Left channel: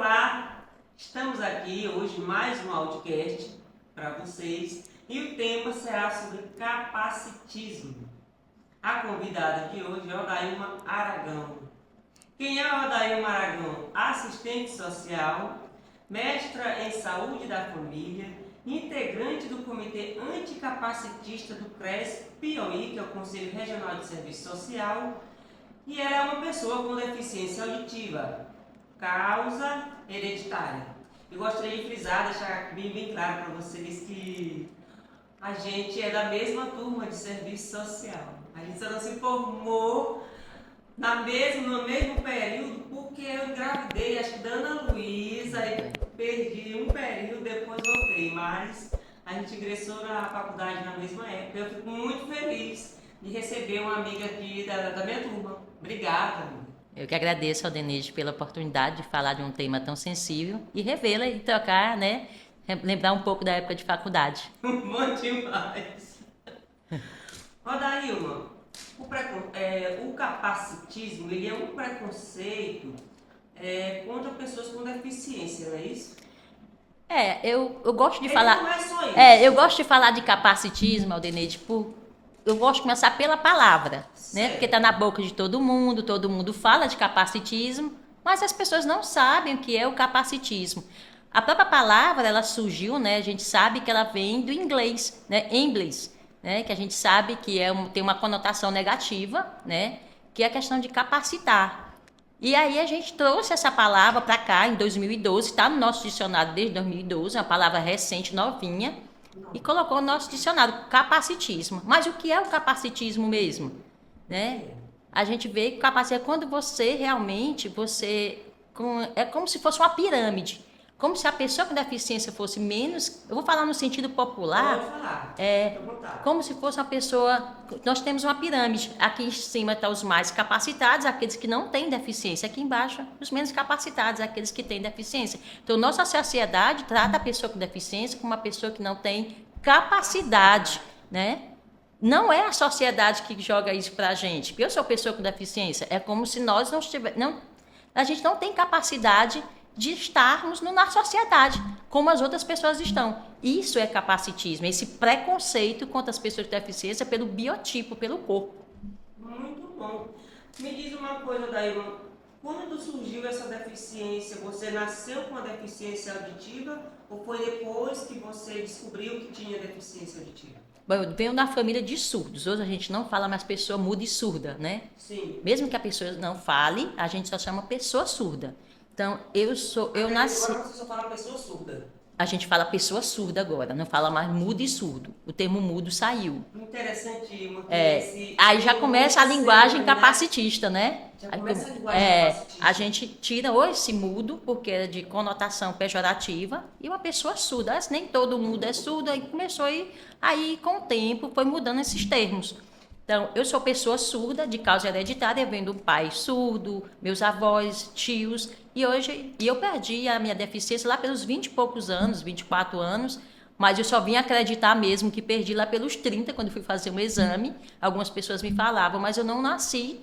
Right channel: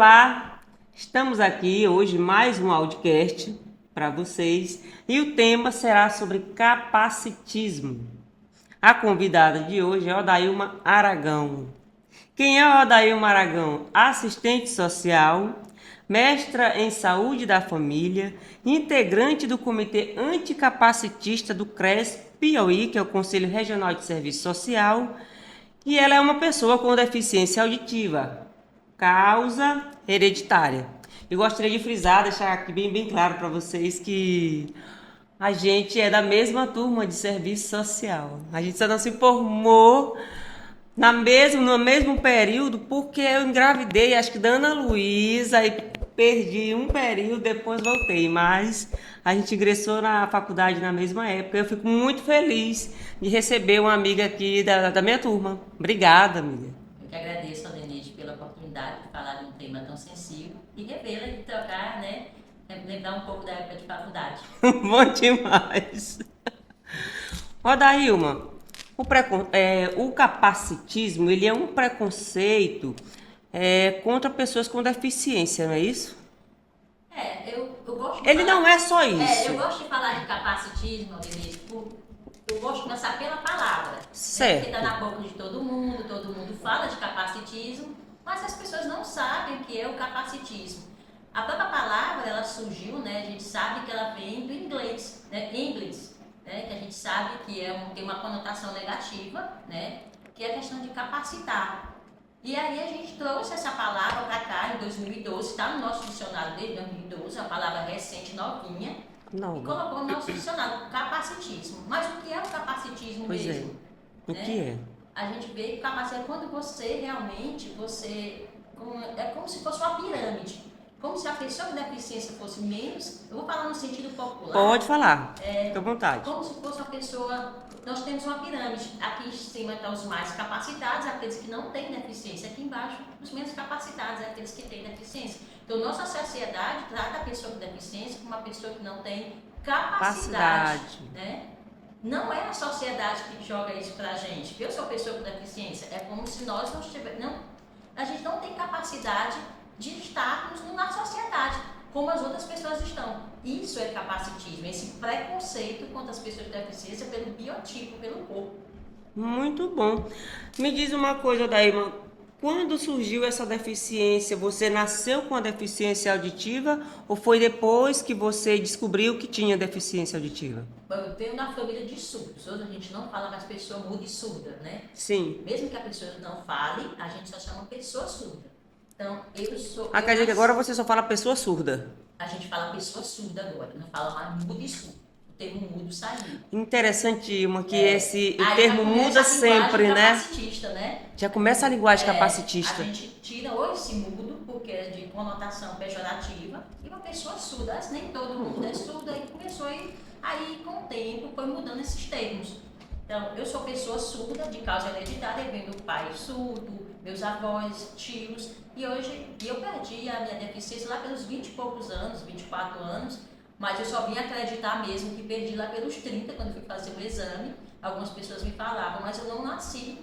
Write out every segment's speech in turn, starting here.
Olá, estamos aqui hoje mais um audiocast para vocês e o tema será sobre capacitismo. A convidada de hoje é Odailma Aragão. Quem é Odailma Aragão? Assistente social, mestra em saúde da família, integrante do Comitê Anticapacitista do CRES Piauí, que é o Conselho Regional de Serviço Social, e ela é uma pessoa com deficiência auditiva, causa hereditária. Eu gostaria de frisar, deixar aqui bem claro para vocês que a gente é da mesma turma de serviço social. A gente só não se formou no mesmo período porque eu engravidei, acho que da Ana Luísa, e perdi um período, depois voltei. Mas a gente ingressou na faculdade na mesma época. Eu fico muito feliz de receber uma amiga aqui da minha turma. Obrigada, amiga. Eu que agradeço ao Denise pela oportunidade de falar de um tema tão sensível e revê-la e trocar, né? Lembrar um pouco da época de faculdade. Bom demais. Odailma, o capacitismo ele é um preconceito contra pessoas com deficiência, não é isso? Eu gosto de Ele falar. não é só isso. Eu gosto de falar de capacitismo, Aldenise, eu gosto de começar pela palavra, né? Certo. Porque está na boca de todo mundo fala de capacitismo, mas as pessoas não sabem o que é o capacitismo. A própria palavra, ela surgiu, né? A gente sabe que ela vem do inglês, né? Inglês, né? Que a gente sabe que tem uma conotação negativa, né? Que é a questão de capacitar. E aí a gente trouxe essa palavra para cá em 2012, está no nosso dicionário desde 2012, é uma palavra recente, novinha, Não. e colocou no nosso dicionário capacitismo. Mas o que é o capacitismo Pois mesmo? O Né? que é? A gente vê que capacitismo é quando você realmente, é como se fosse uma pirâmide. Como se a pessoa com deficiência fosse menos, eu vou falar no sentido popular. Pode falar, fica à vontade. Como se fosse uma pessoa, nós temos uma pirâmide, aqui em cima estão os mais capacitados, aqueles que não têm deficiência, aqui embaixo os menos capacitados, aqueles que têm deficiência. Então nossa sociedade trata a pessoa com deficiência como uma pessoa que não tem capacidade. Né? Não é a sociedade que joga isso pra gente, que eu sou pessoa com deficiência, é como se nós a gente não tem capacidade de estarmos na sociedade, como as outras pessoas estão. Isso é capacitismo, esse preconceito contra as pessoas com deficiência pelo biotipo, pelo corpo. Muito bom. Me diz uma coisa, Odailma, quando surgiu essa deficiência? Você nasceu com a deficiência auditiva ou foi depois que você descobriu que tinha deficiência auditiva? Bom, eu venho da família de surdos. Hoje a gente não fala mais pessoa muda e surda, né? Sim. Mesmo que a pessoa não fale, a gente só chama pessoa surda. Então, Agora você só fala pessoa surda. A gente fala pessoa surda agora, não fala mais mudo e surdo. O termo mudo saiu. Interessante, uma que esse Aí já termo começa a muda linguagem sempre, capacitista, né? Já começa a linguagem capacitista. A gente tira ou esse mudo, porque é de conotação pejorativa, e uma pessoa surda. Nem todo mundo é surdo, aí começou aí com o tempo foi mudando esses termos. Então, eu sou pessoa surda de causa hereditária, vendo pai surdo, meus avós, tios, e eu perdi a minha deficiência lá pelos 20 e poucos anos, 24 anos, mas eu só vim acreditar mesmo que perdi lá pelos 30, quando fui fazer um exame. Algumas pessoas me falavam, mas eu não nasci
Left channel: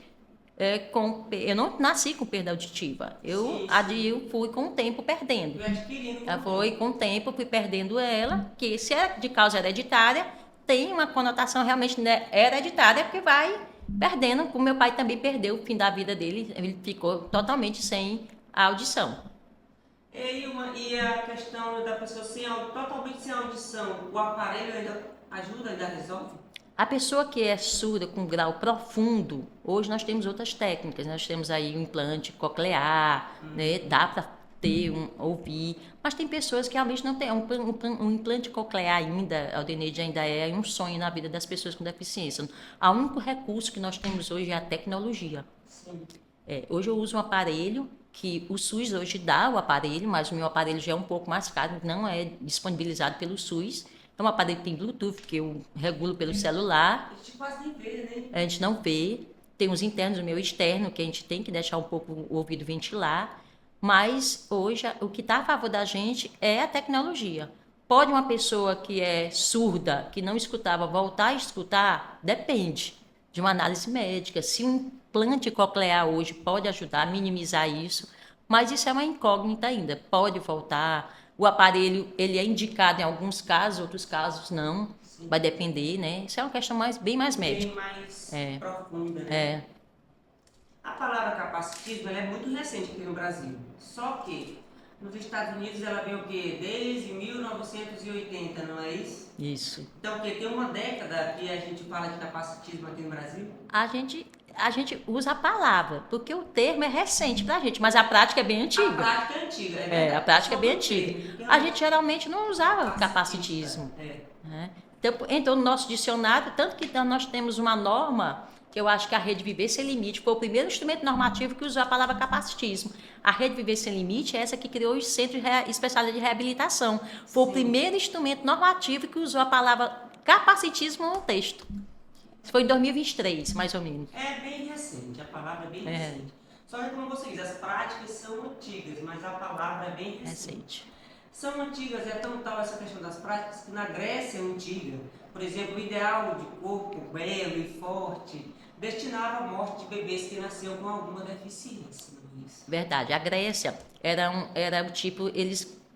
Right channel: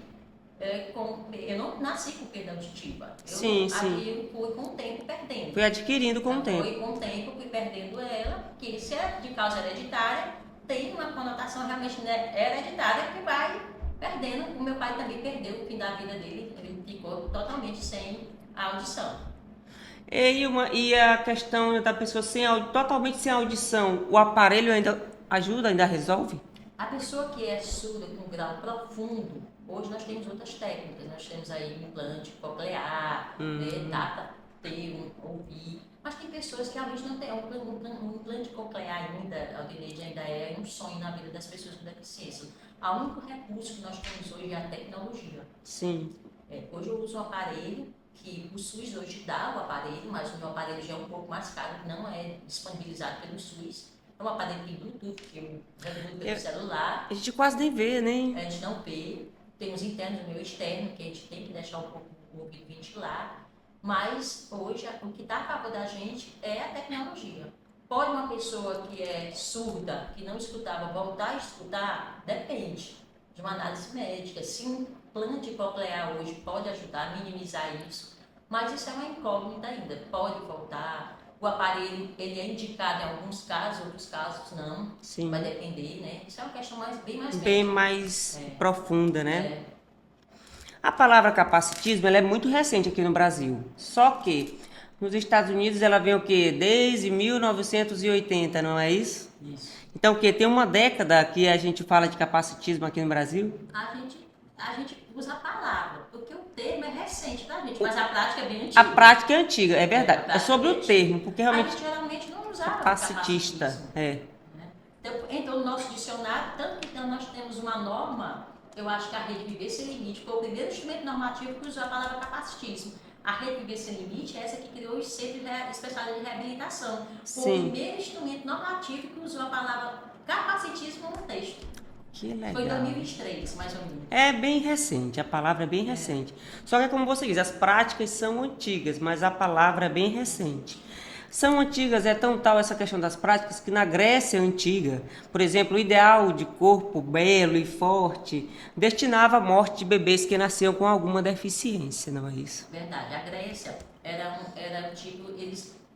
com perda auditiva. Eu fui com o tempo perdendo. Foi adquirindo com o tempo. Foi com o tempo, fui perdendo ela, que se é de causa hereditária, tem uma conotação realmente, né, hereditária, que vai perdendo, como meu pai também perdeu o fim da vida dele, ele ficou totalmente sem a audição. E a questão da pessoa totalmente sem audição, o aparelho ainda ajuda, ainda resolve? A pessoa que é surda com grau profundo, hoje nós temos outras técnicas, nós temos aí um implante coclear, né, dá para ouvir, mas tem pessoas que realmente não têm um implante coclear ainda, Aldenide, ainda é um sonho na vida das pessoas com deficiência. O único recurso que nós temos hoje é a tecnologia. Sim. Hoje eu uso um aparelho que o SUS hoje dá o aparelho, mas o meu aparelho já é um pouco mais caro, não é disponibilizado pelo SUS. É um aparelho que tem Bluetooth, que eu regulo pelo celular. A gente quase nem vê, né? A gente não vê. Tem os internos, o meu externo, que a gente tem que deixar um pouco o ouvido ventilar. Mas hoje o que está a favor da gente é a tecnologia. Pode uma pessoa que é surda, que não escutava, voltar a escutar? Depende de uma análise médica. Se um implante coclear hoje pode ajudar a minimizar isso, Mas isso é uma incógnita ainda. Pode voltar. O aparelho, ele é indicado em alguns casos, outros casos não. Sim. Vai depender, né? Isso é uma questão bem mais Bem médica. mais profunda, né? É. A palavra capacitismo ela é muito recente aqui no Brasil. Só que nos Estados Unidos ela vem o quê? Desde 1980, não é isso? Isso. Então o quê? Tem uma década que a gente fala de capacitismo aqui no Brasil? A gente usa a palavra, porque o termo é recente pra gente, mas a prática é bem antiga. A prática é antiga, é verdade. a prática sobre é bem o termo, antiga. porque A realmente gente geralmente não usava capacitista. capacitismo. É. Né? Então, no nosso dicionário, tanto que nós temos uma norma, que eu acho que a Rede Viver Sem Limite foi o primeiro instrumento normativo que usou a palavra capacitismo. A Rede Viver Sem Limite é essa que criou os centros especiais de reabilitação. Foi Sim. o primeiro instrumento normativo que usou a palavra capacitismo no texto. Que legal. Isso foi em 2023, mais ou menos. É bem recente, a palavra é bem recente. Só que como você diz, as práticas são antigas, mas a palavra é bem recente. São antigas, é tão tal essa questão das práticas que na Grécia antiga, por exemplo, o ideal de corpo belo e forte destinava à morte de bebês que nasciam com alguma deficiência, não é isso? Verdade. A Grécia era um tipo,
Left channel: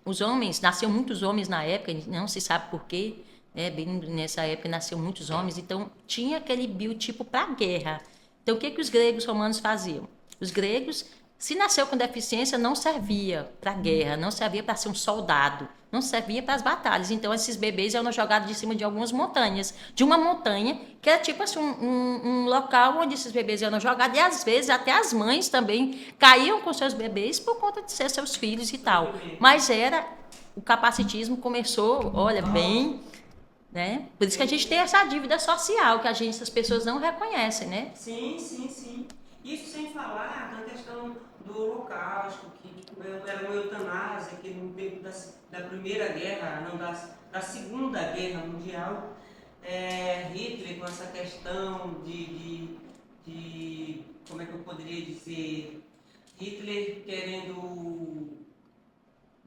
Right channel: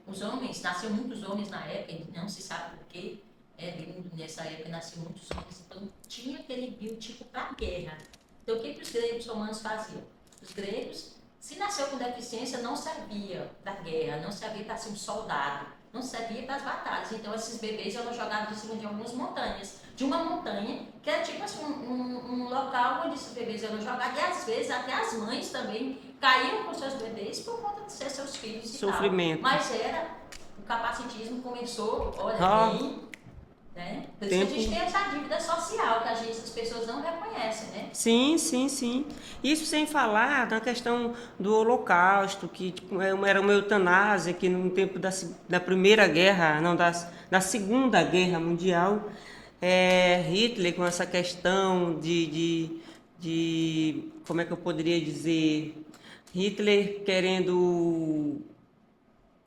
os homens, nasciam muitos homens na época, não se sabe por quê, bem nessa época nasciam muitos homens, então tinha aquele biotipo para a guerra. Então o que os gregos romanos faziam? Os gregos, se nasceu com deficiência, não servia para a guerra, não servia para ser um soldado, não servia para as batalhas. Então esses bebês eram jogados de cima de algumas montanhas, de uma montanha que era tipo assim um local onde esses bebês eram jogados, e às vezes até as mães também caíam com seus bebês por conta de ser seus filhos e Sofrimento. tal. Mas o capacitismo começou, olha, bem... Né? Por isso que a gente tem essa dívida social que as pessoas não reconhecem, né? Sim, sim, sim. Isso sem falar na questão do Holocausto, que tipo, era uma eutanásia que no tempo da Primeira Guerra, não, da Segunda Guerra Mundial, Hitler com essa questão de como é que eu poderia dizer, Hitler querendo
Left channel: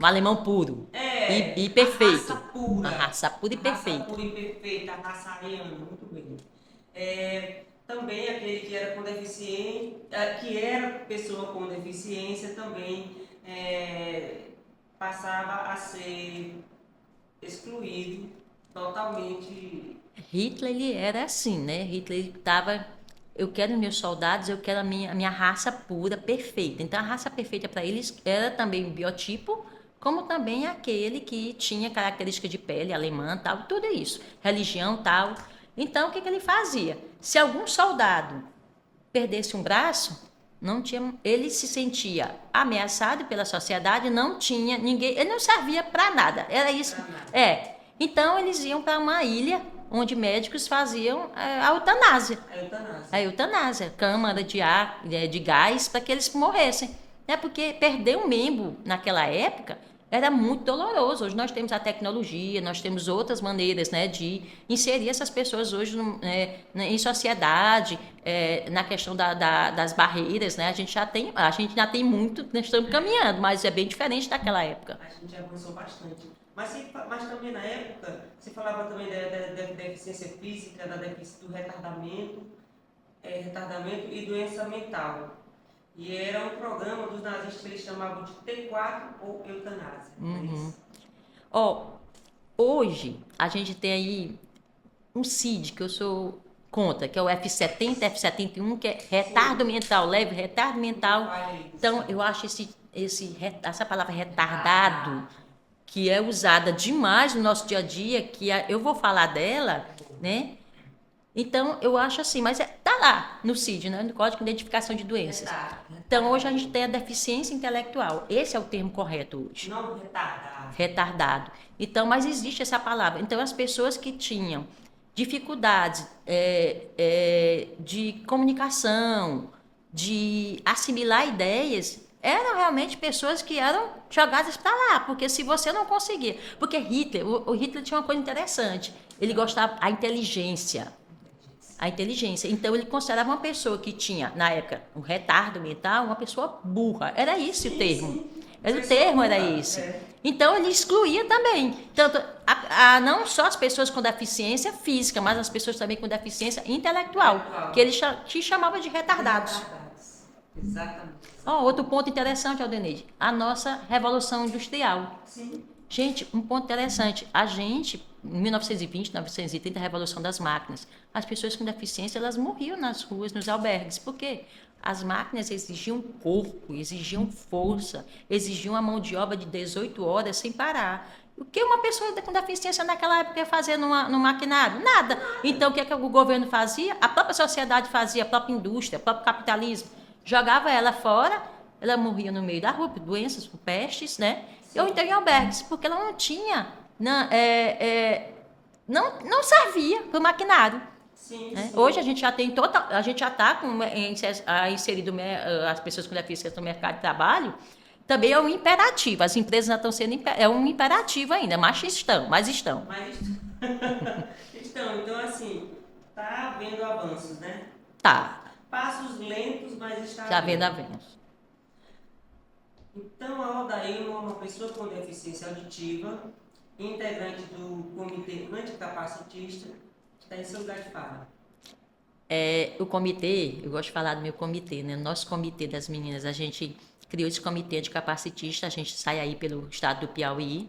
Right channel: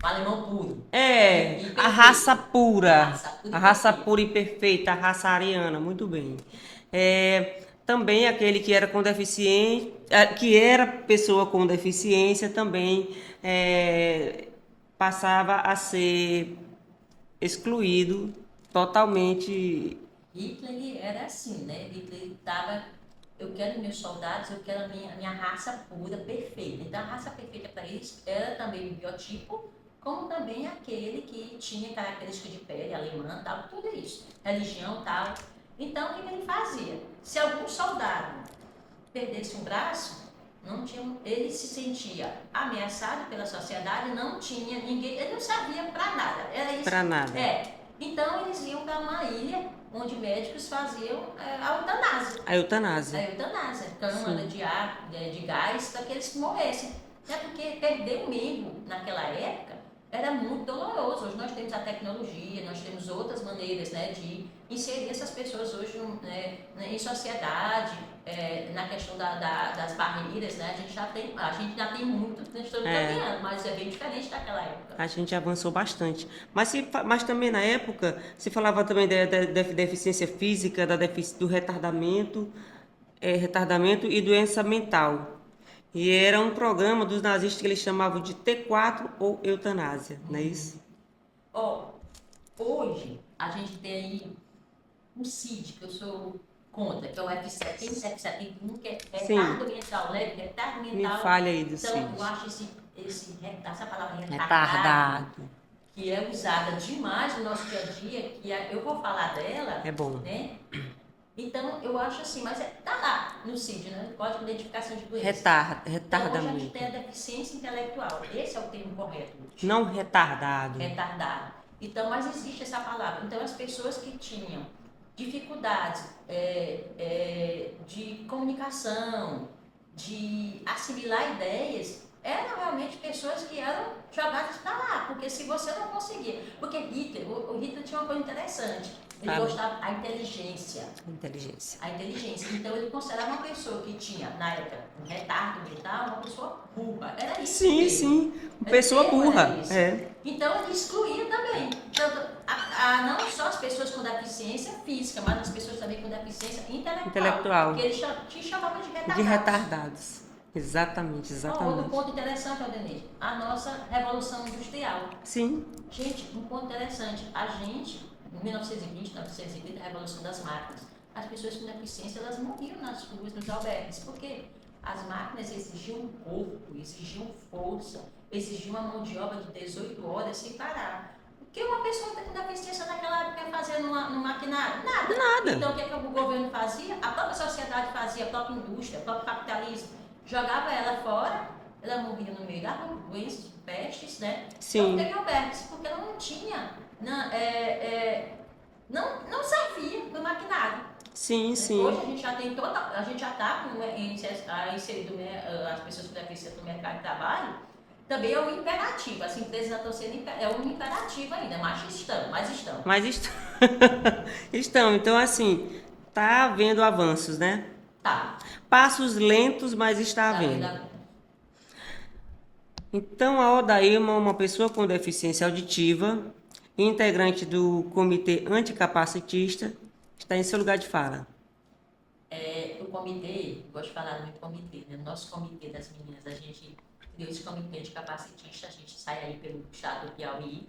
Um alemão puro. e perfeito. a raça pura. A raça pura e a raça perfeita. pura e perfeita, a raça ariana, muito bem. Também aquele que era com deficiência, que era pessoa com deficiência, também passava a ser excluído totalmente. Hitler, ele era assim, né? Hitler estava... Eu quero meus soldados, eu quero a minha raça pura, perfeita. Então, a raça perfeita para eles era também o biotipo, como também aquele que tinha característica de pele alemã, tal, tudo isso, religião, tal. Então, o que ele fazia? Se algum soldado perdesse um braço, ele se sentia ameaçado pela sociedade, não tinha ninguém, ele não servia para nada, era isso. Para nada. Então, eles iam para uma ilha onde médicos faziam a eutanásia. A eutanásia. A eutanásia, câmara de ar, de gás, para que eles morressem. Porque perder um membro naquela época era muito doloroso. Hoje nós temos a tecnologia, nós temos outras maneiras, né, de inserir essas pessoas hoje em sociedade, na questão das barreiras, né? A gente já tem muito, nós estamos caminhando, mas é bem diferente daquela época. A gente avançou bastante. Mas também na época se falava também da deficiência física, do retardamento e doença mental. E era um programa dos nazistas que eles chamavam de T4 ou eutanásia, não é isso? Hoje a gente tem aí um CID, que eu sou contra, que é o F70, F71, que é retardo mental, leve retardo mental. Me fale aí do Então, CID. eu acho essa palavra retardado, que é usada demais no nosso dia a dia, eu vou falar dela, É bom. Né? Então, eu acho assim, mas tá lá no CID, né? No Código de Identificação de Doenças. Então, hoje a gente tem a deficiência intelectual. Esse é o termo correto hoje. Não retardado. Retardado. Então, mas existe essa palavra. Então, as pessoas que tinham dificuldades de comunicação, de assimilar ideias, eram realmente pessoas que eram jogadas para lá, porque se você não conseguia... Porque o Hitler tinha uma coisa interessante. Ele gostava da inteligência. A inteligência. Então, ele considerava uma pessoa que tinha, na época, um retardo mental, uma pessoa burra. Era isso o termo. Sim. O termo era isso. Então, ele excluía também. Tanto, não só as pessoas com deficiência física, mas as pessoas também com deficiência intelectual. Que ele chamava de retardados. Exatamente, Ó, exatamente. outro ponto interessante, Aldeneide, a nossa Revolução Industrial. Sim, Gente, um ponto interessante, a gente, em 1920, 1930, a Revolução das Máquinas, as pessoas com deficiência, elas morriam nas ruas, nos albergues. Por quê? As máquinas exigiam corpo, exigiam força, exigiam a mão de obra de 18 horas sem parar. O que uma pessoa com deficiência naquela época ia fazer no maquinário? Nada. Então, o que, é que o governo fazia? A própria sociedade fazia, a própria indústria, o próprio capitalismo. Jogava ela fora, ela morria no meio da rua por doenças, por pestes, né? sim. Ou então em albergues, porque ela não tinha, não servia para o maquinário. Sim, Né? sim. Hoje a gente já tem a gente já está inserido as pessoas com deficiência no mercado de trabalho. Também é um imperativo. As empresas já estão sendo é um imperativo ainda, mas estão. Mas estão. Então, assim, tá havendo avanços, né? Tá. Passos lentos, mas está Tá vendo, havendo. tá vendo. Então, a Odailma é uma pessoa com deficiência auditiva, integrante do Comitê Anticapacitista, está em seu lugar de fala. O comitê, eu gosto de falar do meu comitê, né? Nosso comitê das meninas, a gente criou esse comitê de capacitista, a gente sai aí pelo estado do Piauí,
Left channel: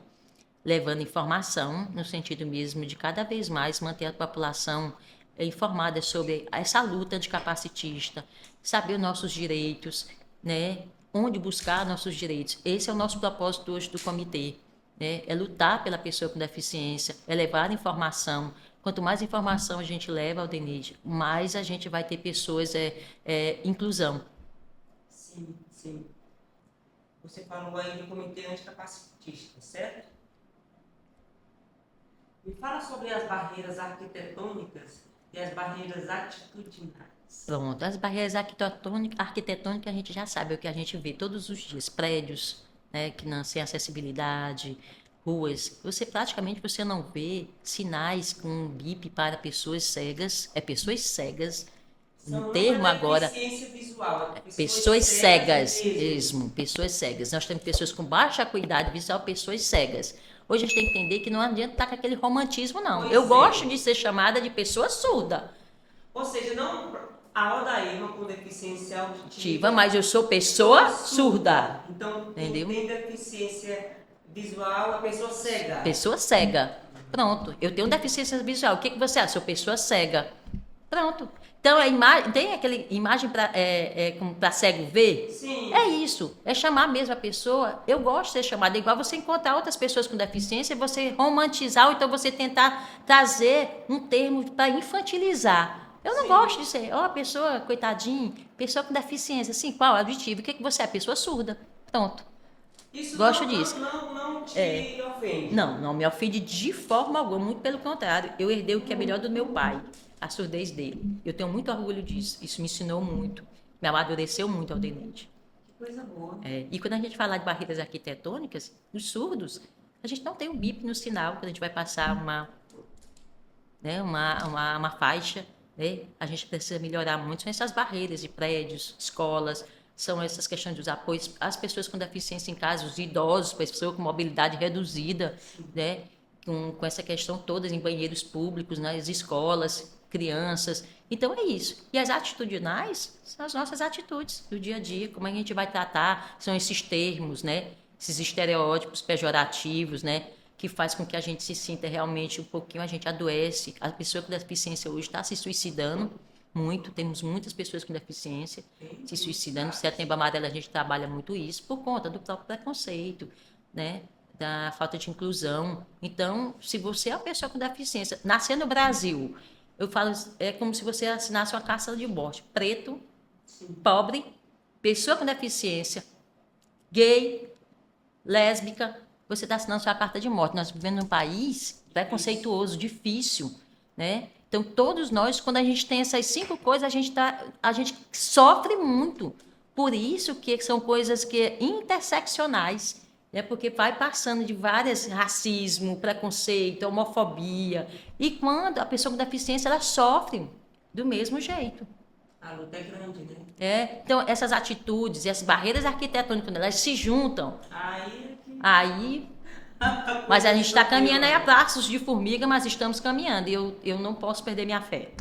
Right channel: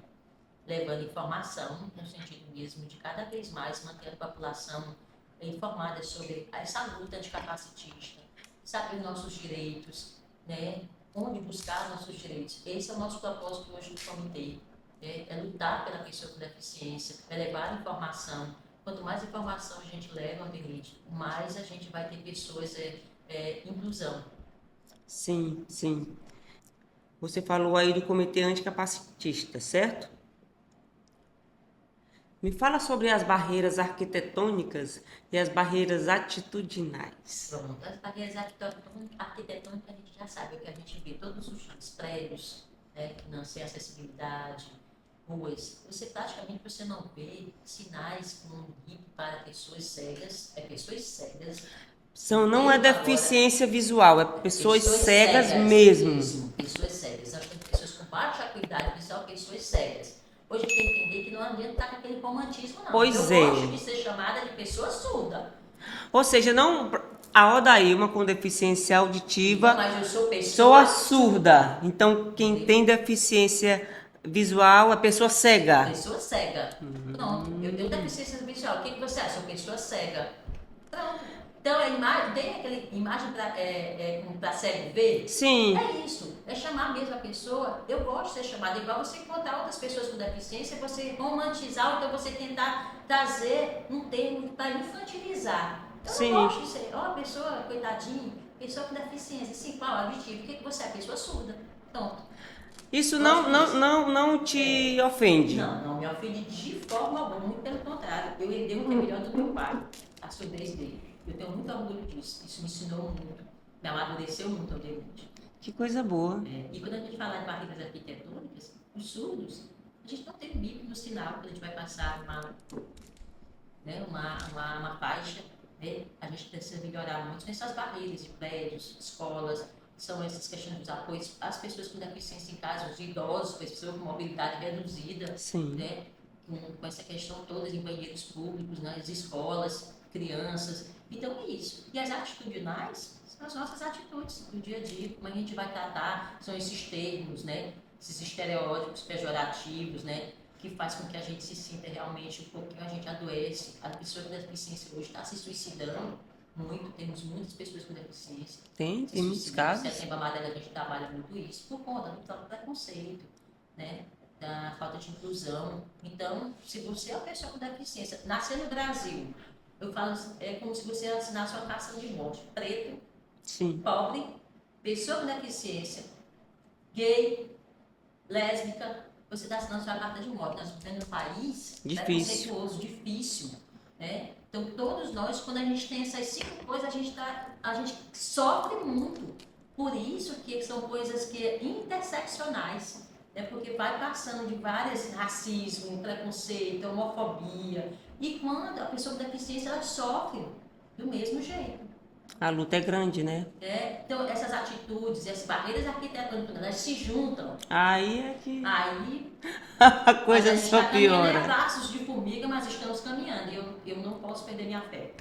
levando informação, no sentido mesmo de cada vez mais manter a população informada sobre essa luta anticapacitista, saber os nossos direitos, né? Onde buscar nossos direitos. Esse é o nosso propósito hoje do comitê, né? É lutar pela pessoa com deficiência, é levar informação. Quanto mais informação a gente leva, Aldenide, mais a gente vai ter pessoas, inclusão. Sim, sim. Você falou aí do Comitê Anticapacitista, certo? Me fala sobre as barreiras arquitetônicas e as barreiras atitudinais. Pronto, as barreiras arquitetônicas a gente já sabe, é o que a gente vê todos os dias, prédios, né, que não sem acessibilidade, ruas. Você não vê sinais com bip para pessoas cegas, pessoas cegas. Não é deficiência visual, é pessoas cegas mesmo. Pessoas cegas. Nós temos pessoas com baixa acuidade visual, pessoas cegas. Hoje a gente tem que entender que não adianta estar com aquele romantismo, não. Pois Eu é. gosto de ser chamada de pessoa surda. Ou seja, não a Odailma com deficiência auditiva, mas eu sou pessoa surda. Então, quem Entendeu? tem deficiência visual é pessoa cega. Pessoa cega. Pronto. Eu tenho deficiência visual. O que você acha? Sou pessoa cega. Pronto. Então, tem aquela imagem para cego ver? Sim. É isso. É chamar mesmo a pessoa. Eu gosto de ser chamada. É igual você encontrar outras pessoas com deficiência, você romantizar, ou então você tentar trazer um termo para infantilizar. Eu não gosto de ser, pessoa, coitadinho, pessoa com deficiência. Assim, qual? Auditivo. O que você é? Pessoa surda. Pronto. Isso não te ofende? Não me ofende de forma alguma. Muito pelo contrário. Eu herdei o que é melhor do meu pai. A surdez dele. Eu tenho muito orgulho disso. Isso me ensinou muito. Me amadureceu muito, Aldenide. Que coisa boa. E quando a gente fala de barreiras arquitetônicas, os surdos, a gente não tem um bip no sinal quando a gente vai passar uma faixa. Né? A gente precisa melhorar muito. São essas barreiras de prédios, escolas, são essas questões dos apoios às pessoas com deficiência em casa, os idosos, pessoas com mobilidade reduzida, né? Com essa questão todas em banheiros públicos, nas escolas, crianças. Então é isso. E as atitudinais são as nossas atitudes do dia a dia, como a gente vai tratar, são esses termos, né? Esses estereótipos pejorativos, né? Que faz com que a gente se sinta realmente um pouquinho, a gente adoece. A pessoa com deficiência hoje está se suicidando muito, temos muitas pessoas com deficiência se suicidando. No Setembro Amarelo a gente trabalha muito isso por conta do próprio preconceito, né? Da falta de inclusão. Então, se você é uma pessoa com deficiência, nascer no Brasil, eu falo, é como se você assinasse uma carta de morte. Preto, pobre, pessoa com deficiência, gay, lésbica, você está assinando sua carta de morte. Nós vivemos num país preconceituoso, difícil, né? Então, todos nós, quando a gente tem essas 5 coisas, a gente sofre muito. Por isso que são coisas que interseccionais, né? Porque vai passando de várias racismo, preconceito, homofobia. E quando a pessoa com deficiência, ela sofre do mesmo jeito. A luta é grande, né? Então, essas atitudes e as barreiras arquitetônicas, quando elas se juntam, mas a gente está caminhando aí a passos de formiga, mas estamos caminhando. E eu não posso perder minha fé.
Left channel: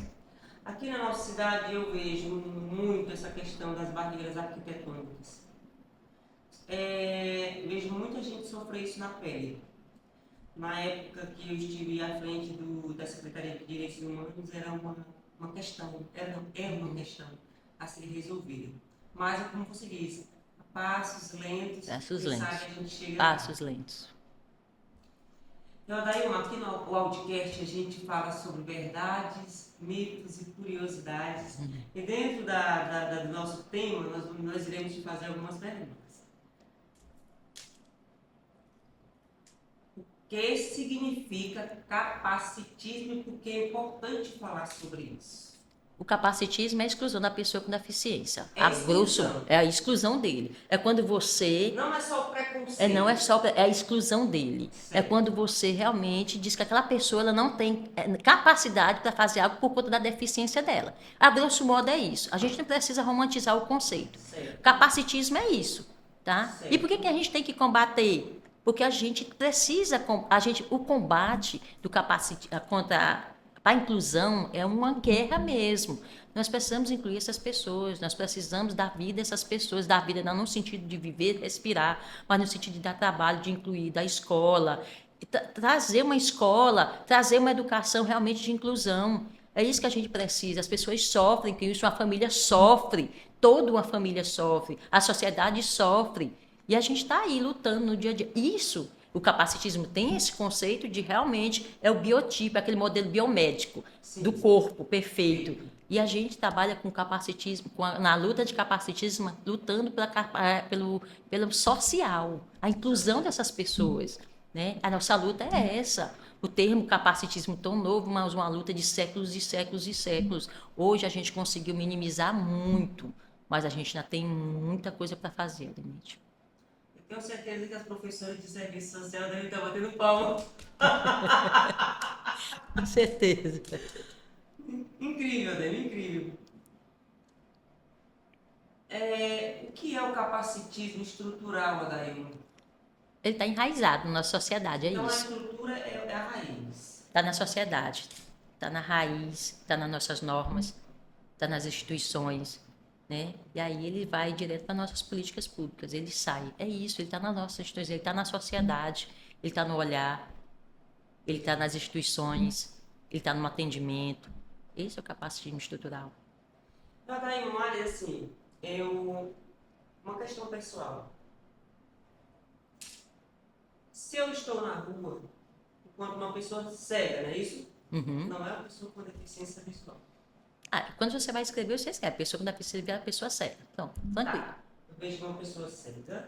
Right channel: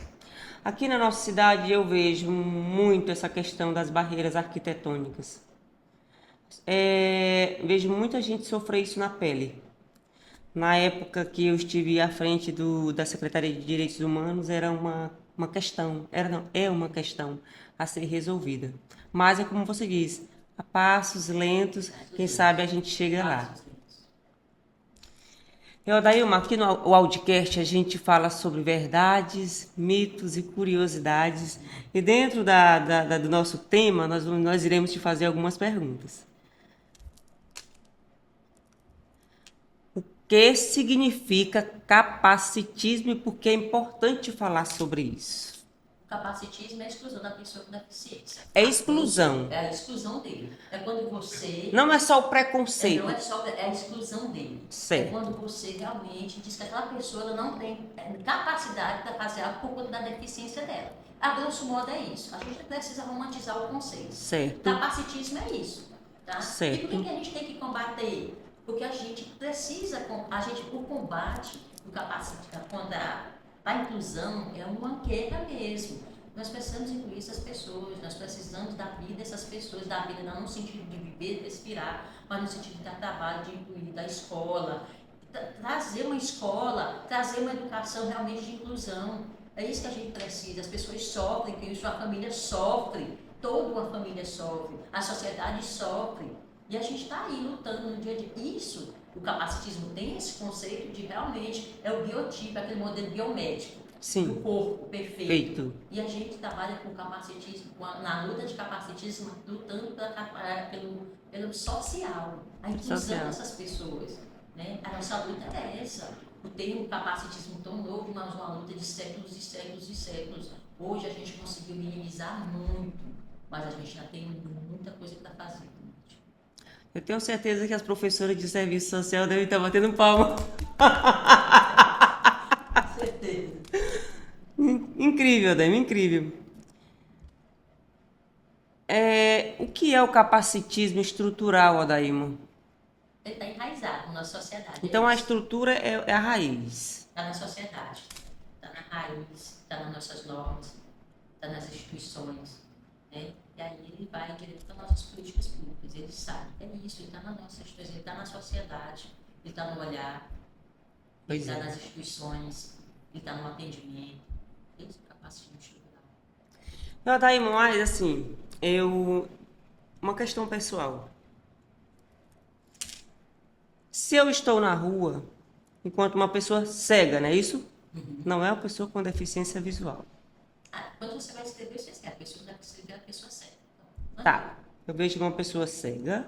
Aqui na nossa cidade eu vejo muito essa questão das barreiras arquitetônicas. Vejo muita gente sofrer isso na pele. Na época que eu estive à frente da Secretaria de Direitos Humanos, era uma questão, era, não, é uma questão a ser resolvida. Mas é como você disse, a passos lentos, Passos quem lentos. sabe a gente chega lá. Passos lentos. Dailma, aqui no Audicast a gente fala sobre verdades, mitos e curiosidades. E dentro do nosso tema, nós iremos te fazer algumas perguntas. O que significa capacitismo e por que é importante falar sobre isso? O capacitismo é a exclusão da pessoa com deficiência. É exclusão. É a exclusão dele. É quando você... Não é só o preconceito. Não é só... É a exclusão dele. Certo. É quando você realmente diz que aquela pessoa ela não tem capacidade para fazer algo por conta da deficiência dela. A grosso modo é isso. A gente não precisa romantizar o conceito. Certo. Capacitismo é isso. Tá? Certo. E por que a gente tem que combater? Porque a gente precisa... O combate do contra a inclusão é uma guerra mesmo. Nós precisamos incluir essas pessoas, nós precisamos dar vida a essas pessoas, dar vida não no sentido de viver, respirar, mas no sentido de dar trabalho, de incluir, da escola, trazer uma escola, trazer uma educação realmente de inclusão. É isso que a gente precisa. As pessoas sofrem, que isso, uma família sofre, toda uma família sofre, a sociedade sofre. E a gente está aí lutando no dia a dia. Isso, o capacitismo tem esse conceito de realmente é o biotipo, aquele modelo biomédico. Sim. Do corpo perfeito. Feito. E a gente trabalha com capacitismo, na luta de capacitismo, lutando pelo social, a inclusão dessas pessoas. Né? A nossa luta é essa. O termo capacitismo tão novo, mas uma luta de séculos e séculos e séculos. Hoje a gente conseguiu minimizar muito, mas a gente ainda tem muita coisa para fazer, Denise. Eu tenho certeza que as professoras de serviço social devem estar batendo palma. Com certeza. Incrível, Adema, incrível. O que é o capacitismo estrutural, Adailma? Ele está enraizado na sociedade. Então a estrutura é a raiz. Está na sociedade, está na raiz, está nas nossas normas, está nas instituições. Né? E aí ele vai direto para nossas políticas públicas, ele sai. É isso, ele está na nossa instituição, ele está na sociedade, ele está no olhar, ele está nas instituições, ele está no atendimento. Esse é o capacitismo estrutural. Não, tá aí, mas assim, uma questão pessoal. Se eu estou na rua, enquanto uma pessoa cega, não é isso? Uhum. Não é uma pessoa com deficiência visual. Quando você vai escrever, você escreve. A pessoa com deficiência é a pessoa cega. Então, tá. Eu vejo uma pessoa cega.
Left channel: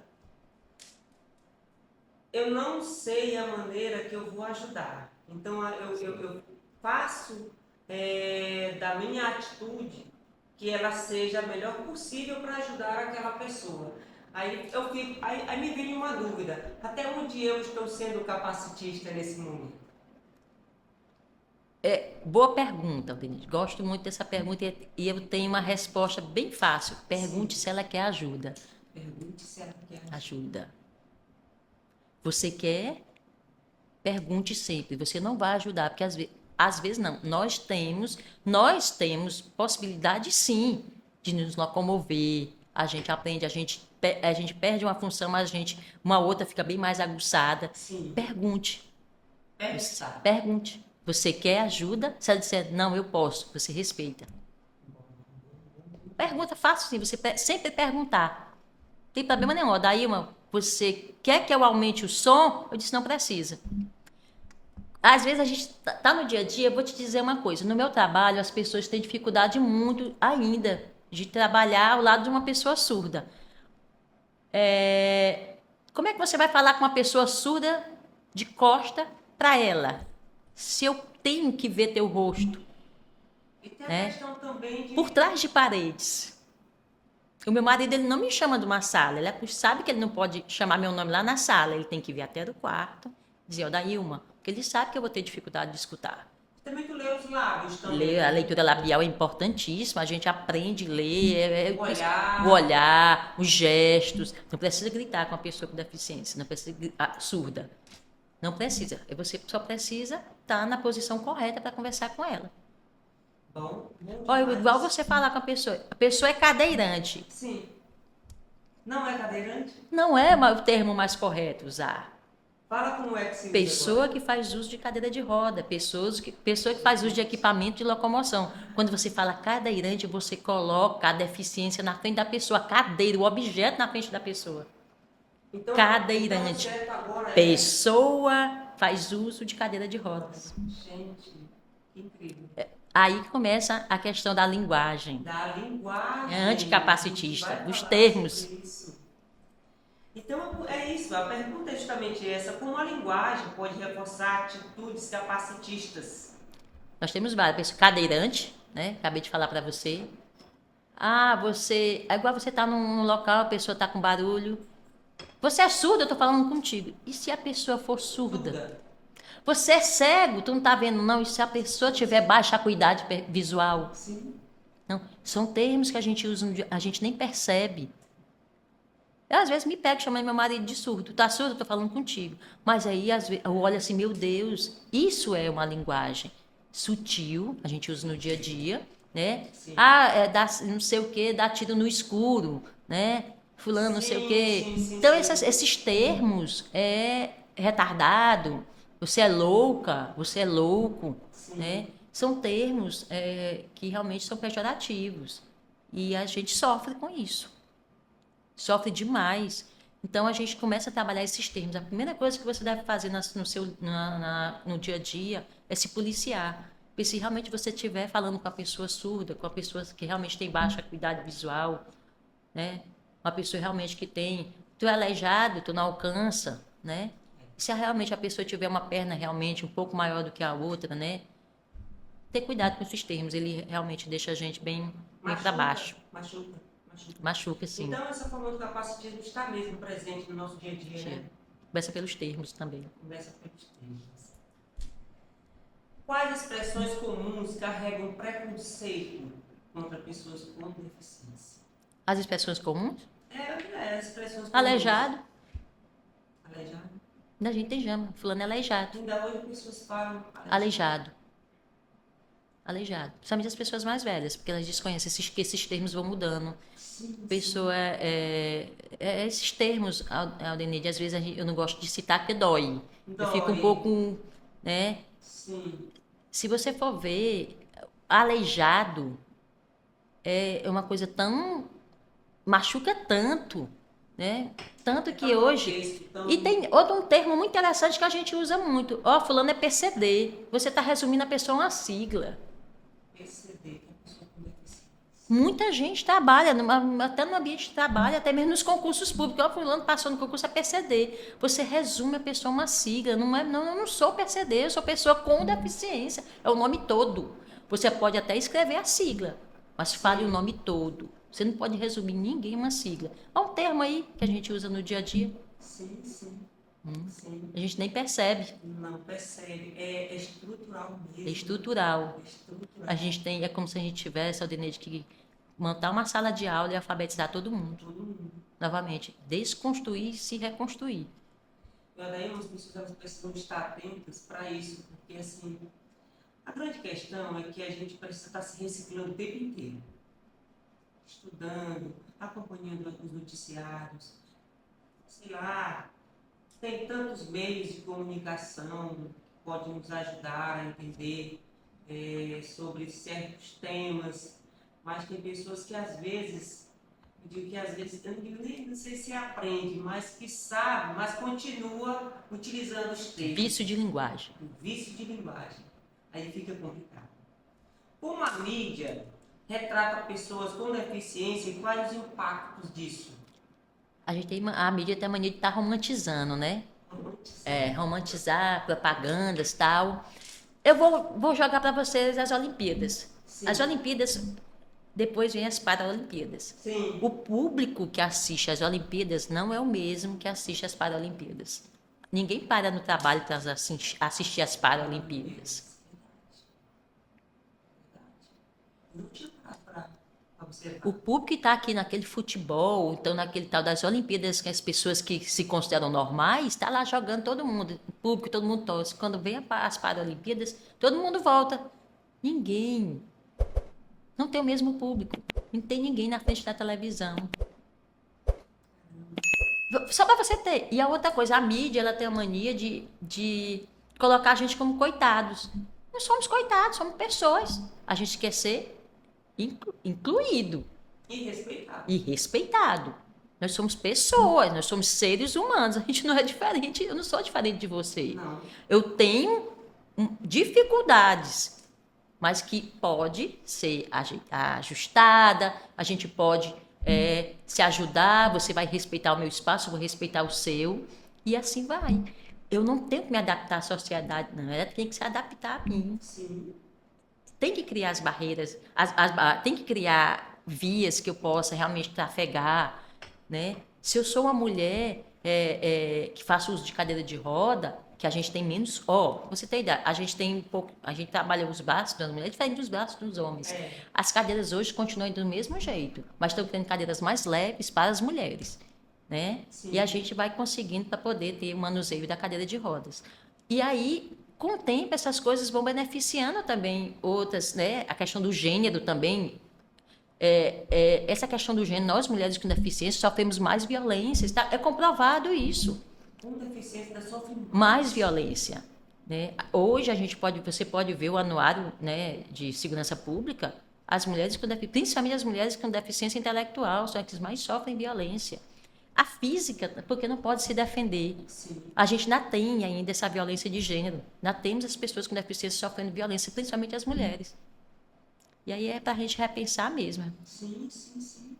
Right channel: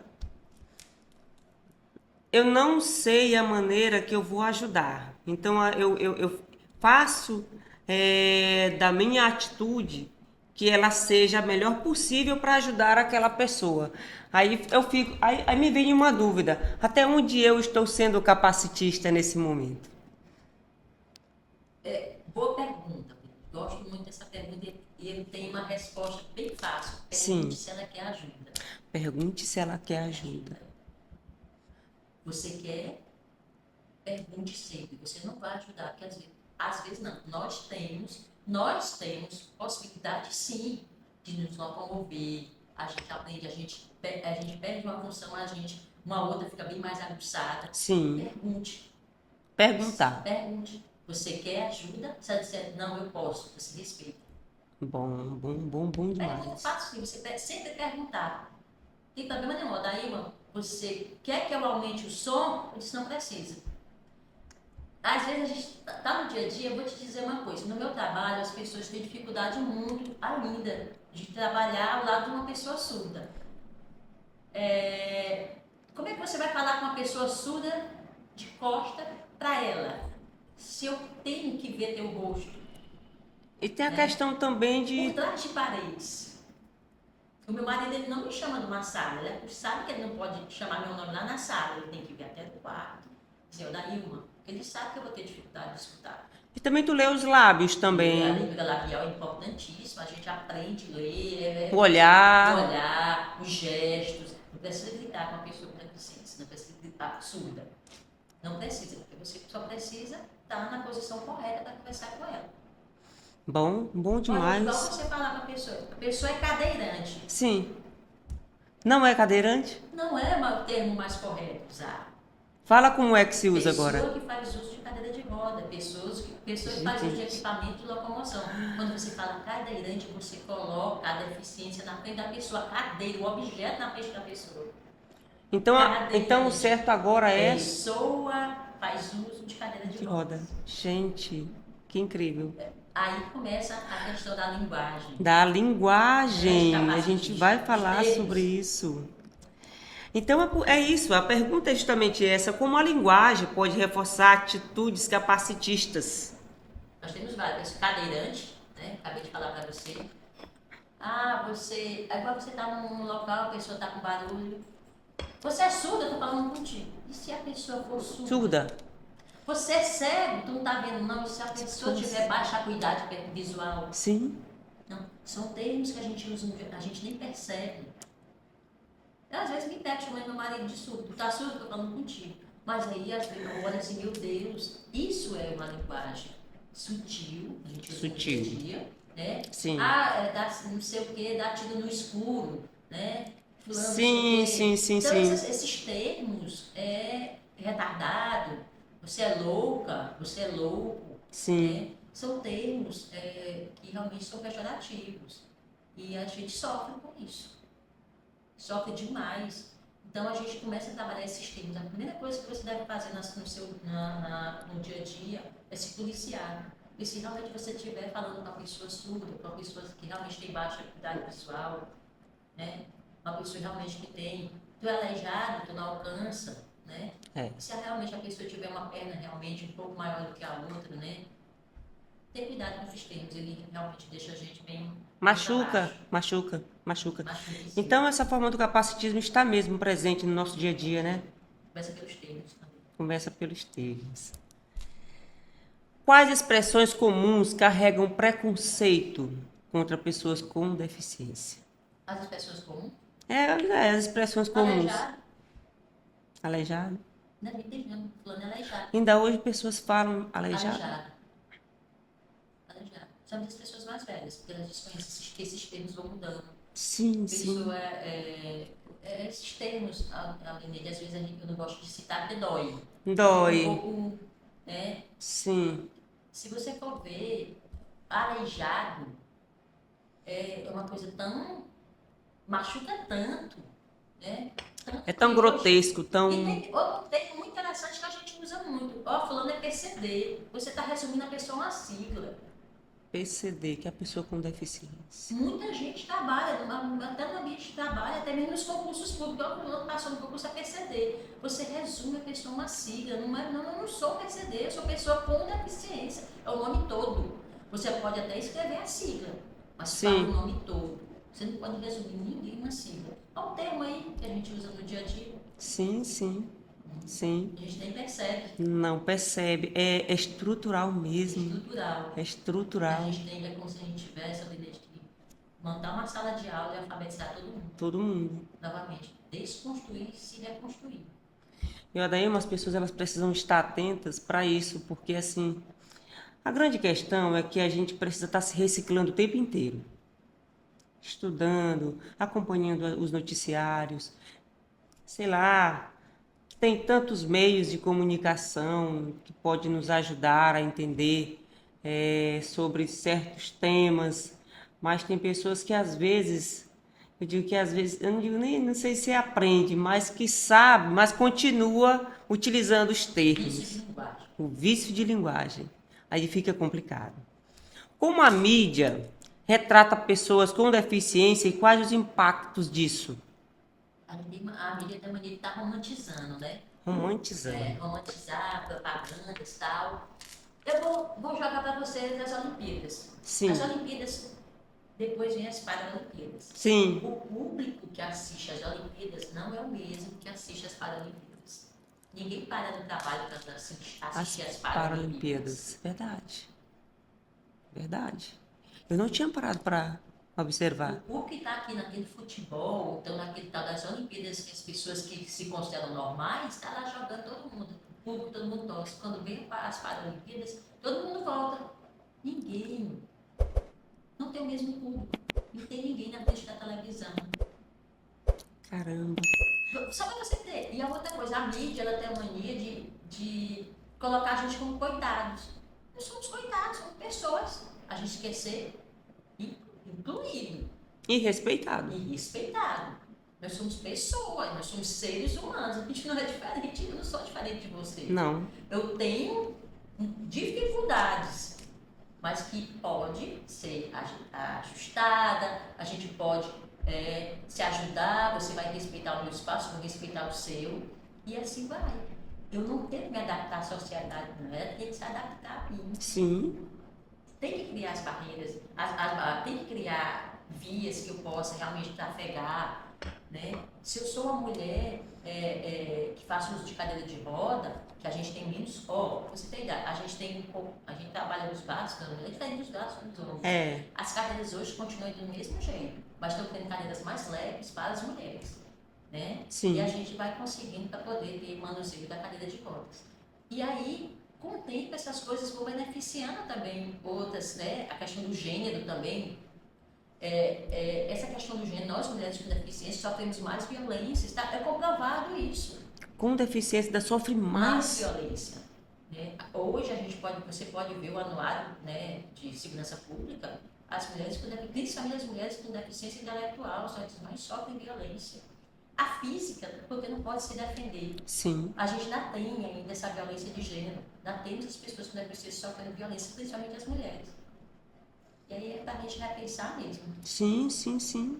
Eu não sei a maneira que eu vou ajudar. Então, eu faço da minha atitude que ela seja a melhor possível para ajudar aquela pessoa. Aí me vem uma dúvida. Até onde eu estou sendo capacitista nesse momento? Boa pergunta, Denise. Gosto muito dessa pergunta e eu tenho uma resposta bem fácil. Pergunte se ela quer ajuda. Pergunte se ela quer ajuda. Você quer? Pergunte sempre. Você não vai ajudar, porque às vezes não. Nós temos possibilidade sim de nos locomover. A gente aprende, a gente perde uma função, mas uma outra fica bem mais aguçada. Sim. Pergunte. Pergunte. Você quer ajuda? Se ela disser, não, eu posso, você respeita. Bom. Pergunta fácil sim, você sempre perguntar. Não tem problema nenhum. Daí, você quer que eu aumente o som? Eu disse, não precisa. Às vezes a gente tá no dia a dia, eu vou te dizer uma coisa. No meu trabalho, as pessoas têm dificuldade muito ainda de trabalhar ao lado de uma pessoa surda. Como é que você vai falar com uma pessoa surda de costa para ela? Se eu tenho que ver teu rosto. E tem a questão também de... Por trás de paredes. O meu marido, ele não me chama de uma sala. Ele sabe que ele não pode chamar meu nome lá na sala. Ele tem que vir até o quarto. Dizer, Dailma, porque ele sabe que eu vou ter dificuldade de escutar. E também tu lê os lábios também. A leitura labial é importantíssima. A gente aprende a ler. O olhar. O olhar, os gestos. Não precisa gritar com a pessoa com deficiência. Não precisa surda. Não precisa. Você só precisa estar na posição correta para conversar com ela. Bom Olha, igual demais. você falar com a pessoa é cadeirante. Sim. Não é cadeirante? Não é o termo mais correto usar. Fala como é que se usa Pessoa agora. que faz uso de cadeira de roda, pessoa que faz uso de Jesus. equipamento de locomoção. Quando você fala cadeirante, você coloca a deficiência na frente da pessoa, a cadeira, o objeto na frente da pessoa. Então o Cadeirante. certo agora é Pessoa faz uso de cadeira de de roda. rodas. Gente, que incrível. Aí começa a questão da linguagem. Da linguagem, a gente Anticapacitista, vai dos falar termos. sobre isso. Então é isso, a pergunta é justamente essa: como a linguagem pode reforçar atitudes capacitistas? Nós temos várias. Cadeirante, né? Acabei de falar para você. Ah, você. É igual você tá num local, a pessoa tá com barulho. Você é surdo, eu tô falando contigo. E se a pessoa for surda? Surda. Você é cego, tu não tá vendo não? E se a pessoa tiver baixa acuidade visual? Sim. Não, são termos que a gente usa, a gente nem percebe. Eu às vezes me pego chamando meu marido de surdo. Tá surdo? Eu tô falando contigo. Mas aí às vezes eu olho assim, meu Deus, isso é uma linguagem sutil, a gente usa no dia a dia, né? Sim. Ah, é dá, não sei o que, dá tiro no escuro, né? Fulano, não sei o quê. Sim. Então esses termos é retardado, você é louca, você é louco, Sim. né? São termos que realmente são pejorativos. E a gente sofre com isso. Sofre demais. Então a gente começa a trabalhar esses termos. A primeira coisa que você deve fazer no dia a dia é se policiar. Porque se realmente você estiver falando com a pessoa surda, com a pessoa que realmente tem baixa acuidade visual, né? Uma pessoa realmente que tem. Tu é aleijado, tu não alcança, né? É. Se realmente a pessoa tiver uma perna realmente um pouco maior do que a outra, né? Ter cuidado com esses termos, ele realmente deixa a gente bem para baixo. Machuca. Machuca, sim. Então essa forma do capacitismo está mesmo presente no nosso dia a dia, né? Começa pelos termos também. Começa pelos termos. Quais expressões comuns carregam preconceito contra pessoas com deficiência? As expressões comuns? As expressões comuns. Aleijado. Aleijado. A gente tem jama. Fulano é aleijado. Ainda hoje pessoas falam Aleijado. Principalmente as pessoas mais velhas, porque elas desconhecem que esses termos vão mudando. Sim, Pessoa esses termos, Aldenide, às vezes eu não gosto de citar porque dói. Dói. Eu fico um pouco, né? Sim. Se você for ver, aleijado é uma coisa tão... machuca tanto, né? Tanto É que tão hoje... grotesco, tão... E tem outro termo muito interessante que a gente usa muito. Fulano é PCD. Você está resumindo a pessoa a uma sigla. PCD, que é a pessoa com deficiência. Muita gente trabalha, até no ambiente de trabalho, até mesmo nos concursos públicos. Fulano passou no concurso é PCD. Você resume a pessoa a uma sigla. Eu não sou PCD, eu sou pessoa com deficiência. É o nome todo. Você pode até escrever a sigla, mas fale o nome todo. Você não pode resumir ninguém em uma sigla. Há um termo aí que a gente usa no dia a dia. Sim. A gente nem percebe. Não percebe. É estrutural mesmo. É estrutural. A gente tem, é como se a gente tivesse, Aldenede, que montar uma sala de aula e alfabetizar todo mundo. Todo mundo. Novamente, desconstruir e se reconstruir. E daí umas pessoas elas precisam estar atentas para isso, porque assim, a grande questão é que a gente precisa estar se reciclando o tempo inteiro. Estudando, acompanhando os noticiários, sei lá, tem tantos meios de comunicação que podem nos ajudar a entender sobre certos temas, mas tem pessoas que às vezes, eu não digo nem, não sei se aprende, mas que sabe, mas continua utilizando os termos. Vício de linguagem. O vício de linguagem. Aí fica complicado. Como a mídia retrata pessoas com deficiência e quais os impactos disso? A mídia tem a mania de estar romantizando, né? Romantizando. Romantizar propagandas e tal. Eu vou jogar para vocês as Olimpíadas. Sim. As Olimpíadas, depois vem as Paralimpíadas. Sim. O público que assiste às Olimpíadas não é o mesmo que assiste às Paralimpíadas. Ninguém para no trabalho para assistir às Paralimpíadas. Verdade. Eu não tinha parado para observar. O público que está aqui naquele futebol, então naquele tal das Olimpíadas, que as pessoas que se consideram normais, está lá jogando todo mundo. O público, todo mundo torce. Quando vem as Paralimpíadas, todo mundo volta. Ninguém Não tem o mesmo público. Não tem ninguém na frente da televisão. Caramba. Só para você ter. E a outra coisa, a mídia, ela tem a mania de colocar a gente como coitados. Não somos coitados, somos pessoas. A gente quer ser incluído E respeitado. e respeitado. Nós somos pessoas, nós somos seres humanos. A gente não é diferente, eu não sou diferente de você. Não. Eu tenho dificuldades, mas que pode ser ajustada, a gente pode se ajudar, você vai respeitar o meu espaço, eu vou respeitar o seu, e assim vai. Eu não tenho que me adaptar à sociedade, não. Ela tem que se adaptar a mim. Sim. Tem que criar as barreiras, tem que criar vias que eu possa realmente trafegar, né? Se eu sou uma mulher que faço uso de cadeira de roda, que a gente tem menos, você tem ideia, a gente tem um pouco, a gente trabalha os braços das mulheres diferente dos braços dos homens. As cadeiras hoje continuam do mesmo jeito, mas estão tendo cadeiras mais leves para as mulheres, né? Sim. E a gente vai conseguindo para poder ter o manuseio da cadeira de rodas. E aí, com o tempo, essas coisas vão beneficiando também outras, né? A questão do gênero também. Essa questão do gênero, nós mulheres com deficiência sofremos mais violências, tá? É comprovado isso. Com deficiência ainda sofre Mais violência, né? Hoje você pode ver o anuário, né, de segurança pública, as mulheres com principalmente as mulheres com deficiência intelectual são as que mais sofrem violência. A física, porque não pode se defender. Sim. A gente ainda tem ainda essa violência de gênero. Ainda temos as pessoas com deficiência sofrendo violência, principalmente as mulheres. E aí é para a gente repensar mesmo. Sim, sim, sim.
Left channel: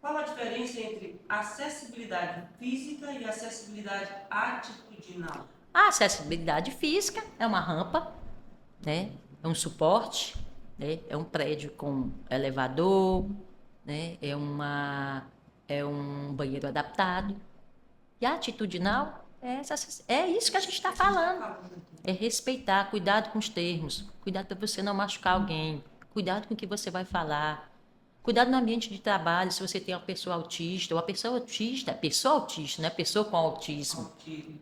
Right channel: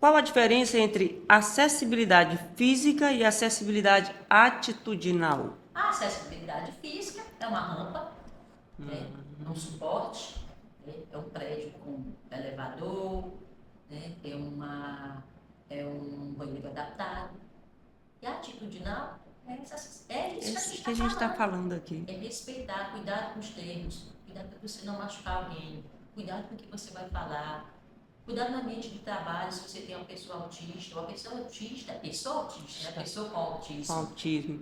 Qual a diferença entre acessibilidade física e acessibilidade atitudinal? A acessibilidade física é uma rampa, né? É um suporte, né? É um prédio com elevador, né? É um banheiro adaptado. E a atitudinal é isso que a gente está falando aqui. É respeitar, cuidado com os termos, cuidado para você não machucar alguém, cuidado com o que você vai falar, cuidado no ambiente de trabalho, se você tem uma pessoa autista, ou a pessoa autista, né? Pessoa com autismo.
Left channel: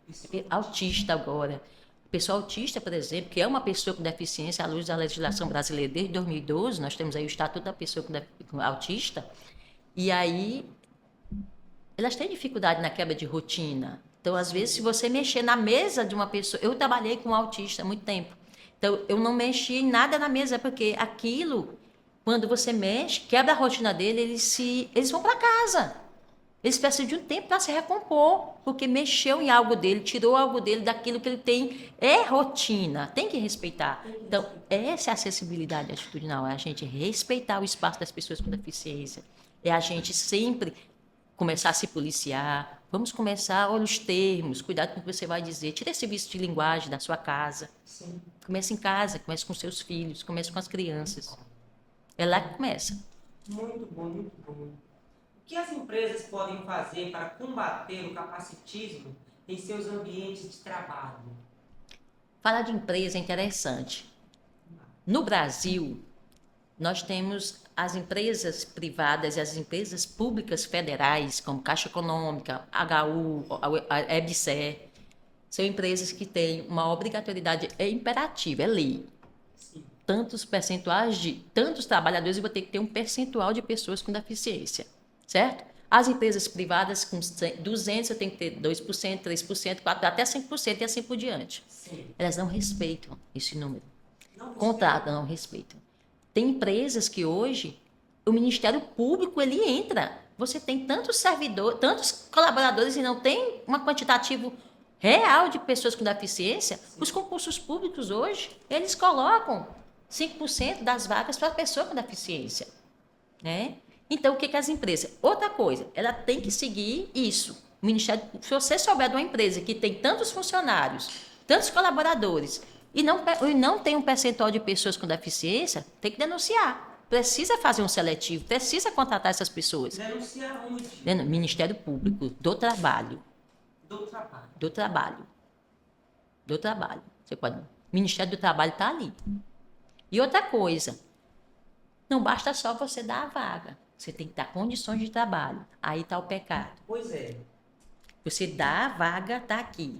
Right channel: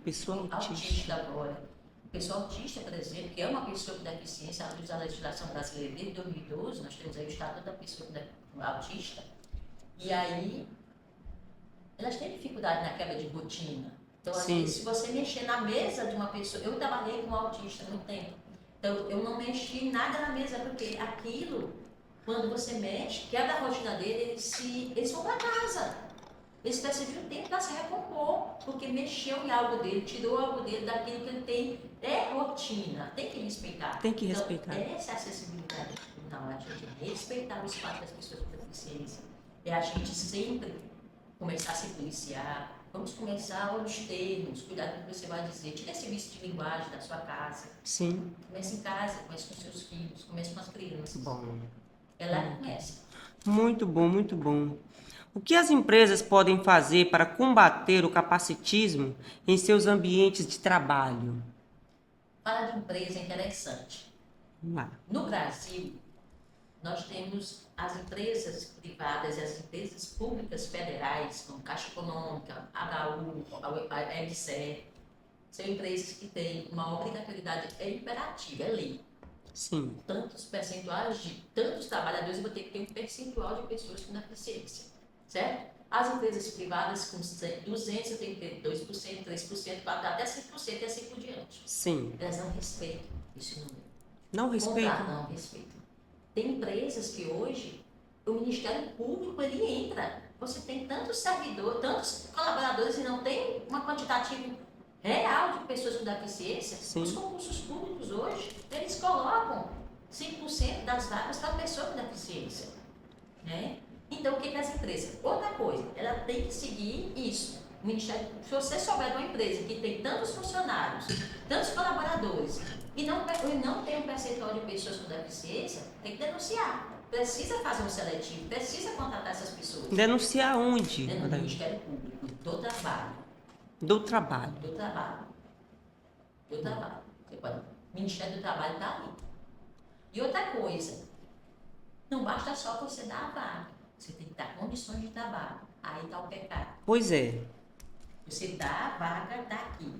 Pessoa autista agora. Pessoa autista, por exemplo, que é uma pessoa com deficiência, à luz da legislação brasileira desde 2012, nós temos aí o Estatuto da Pessoa com Autista, e aí elas têm dificuldade na quebra de rotina. Então, às vezes, se você mexer na mesa de uma pessoa... Eu trabalhei com um autista há muito tempo. Então, eu não mexi em nada na mesa, porque aquilo, quando você mexe, quebra a rotina dele, eles vão para casa. Eles precisam de um tempo para se recompor, porque mexeu em algo dele, tirou algo dele daquilo que ele tem. É rotina, tem que respeitar. Então, essa é a acessibilidade atitudinal, é a gente respeitar o espaço das pessoas com deficiência. É a gente sempre começar a se policiar. Vamos começar, olha os termos, cuidado com o que você vai dizer. Tira esse vício de linguagem da sua casa. Sim. Comece em casa, comece com seus filhos, comece com as crianças. Bom. É lá que começa. Muito bom, muito bom. O que as empresas podem fazer para combater o capacitismo em seus ambientes de trabalho? Falar de empresa é interessante. Vamos lá. No Brasil, nós temos as empresas privadas e as empresas públicas federais, como Caixa Econômica, HU, a EBSER, são empresas que têm uma obrigatoriedade, é imperativa, é lei. Sim. Tantos percentuais de tantos trabalhadores, eu vou ter que ter um percentual de pessoas com deficiência, certo? As empresas privadas com 200, eu tenho que ter 2%, 3%, 4%, até 5% e assim por diante. Sim. Elas não respeitam esse número. Não respeitam? Contrato, não respeitam. Tem empresas que hoje o Ministério Público ele entra. Você tem tantos servidores, tantos colaboradores e não tem um quantitativo real de pessoas com deficiência. Sim. Os concursos públicos hoje, eles colocam 5% das vagas para pessoa com deficiência, né? Então, o que as empresas? Outra coisa, ela tem que seguir isso. O Ministério, se você souber de uma empresa que tem tantos funcionários, tantos colaboradores, e não tem um percentual de pessoas com deficiência, tem que denunciar. Precisa fazer um seletivo, precisa contratar essas pessoas. Denunciar onde? No Ministério Público, do Trabalho. Do Trabalho. Do Trabalho. Do Trabalho. Você pode. O Ministério do Trabalho está ali. E outra coisa, não basta só você dar a vaga. Você tem que dar condições de trabalho. Aí está o pecado. Pois é. Você dá a vaga, está aqui.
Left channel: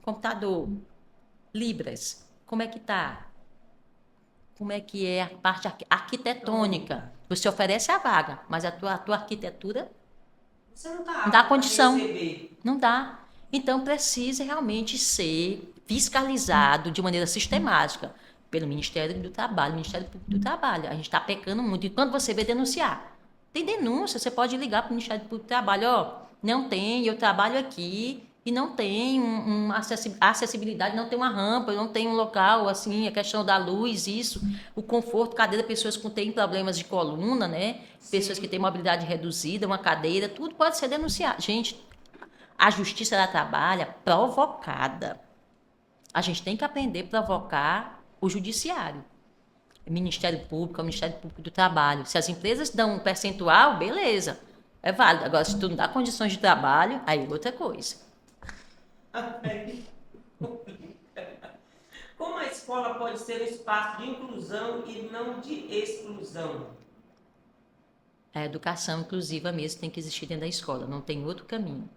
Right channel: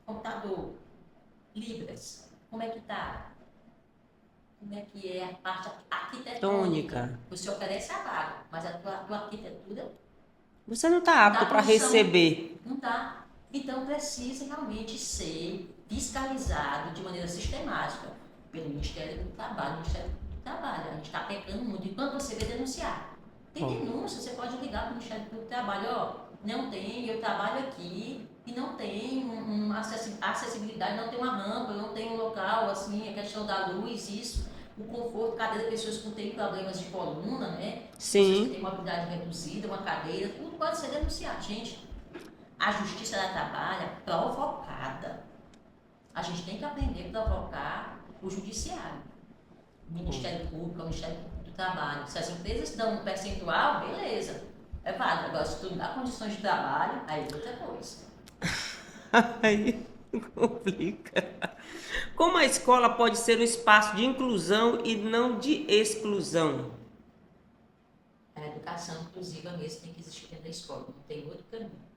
Computador, Libras, como é que está? como é que é a parte arquitetônica. Tônica. Você oferece a vaga, mas a tua arquitetura Você não está dá apto para condição. receber. Não dá. Então precisa realmente ser fiscalizado de maneira sistemática pelo Ministério do Trabalho, Ministério Público do Trabalho. A gente está pecando muito. E quando você vê denunciar, tem denúncia, você pode ligar para o Ministério Público do Trabalho, ó, não tem, eu trabalho aqui e não tem acessibilidade, não tem uma rampa, não tem um local, assim, a questão da luz, isso, o conforto, cadeira, pessoas que têm problemas de coluna, né? Sim. Pessoas que têm mobilidade reduzida, uma cadeira, tudo pode ser denunciado. Gente, a justiça ela trabalha provocada. A gente tem que aprender a provocar o judiciário. O Ministério Público, o Ministério Público do Trabalho. Se as empresas dão um percentual, beleza, é válido. Agora, se tu não dá condições de trabalho, aí é outra coisa. Aí complica. Como a escola pode ser um espaço de inclusão e não de exclusão? A educação inclusiva mesmo tem que existir dentro da escola, não tem outro caminho.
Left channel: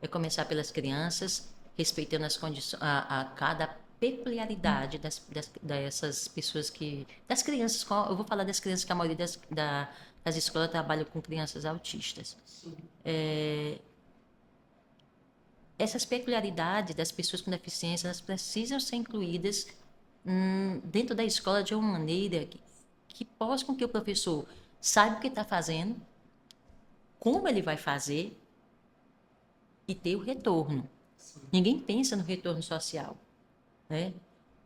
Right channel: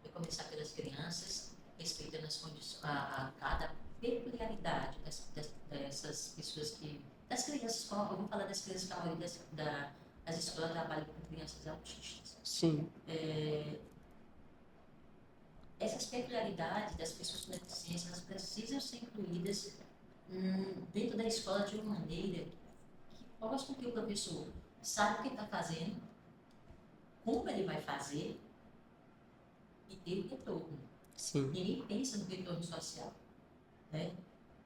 É começar pelas crianças, respeitando as condições, a cada peculiaridade dessas pessoas que... Das crianças, eu vou falar das crianças que a maioria das escolas trabalha com crianças autistas. Sim. Essas peculiaridades das pessoas com deficiência, elas precisam ser incluídas dentro da escola de uma maneira que possa com que o professor saiba o que está fazendo, como ele vai fazer e ter o retorno. Sim. Ninguém pensa no retorno social, né?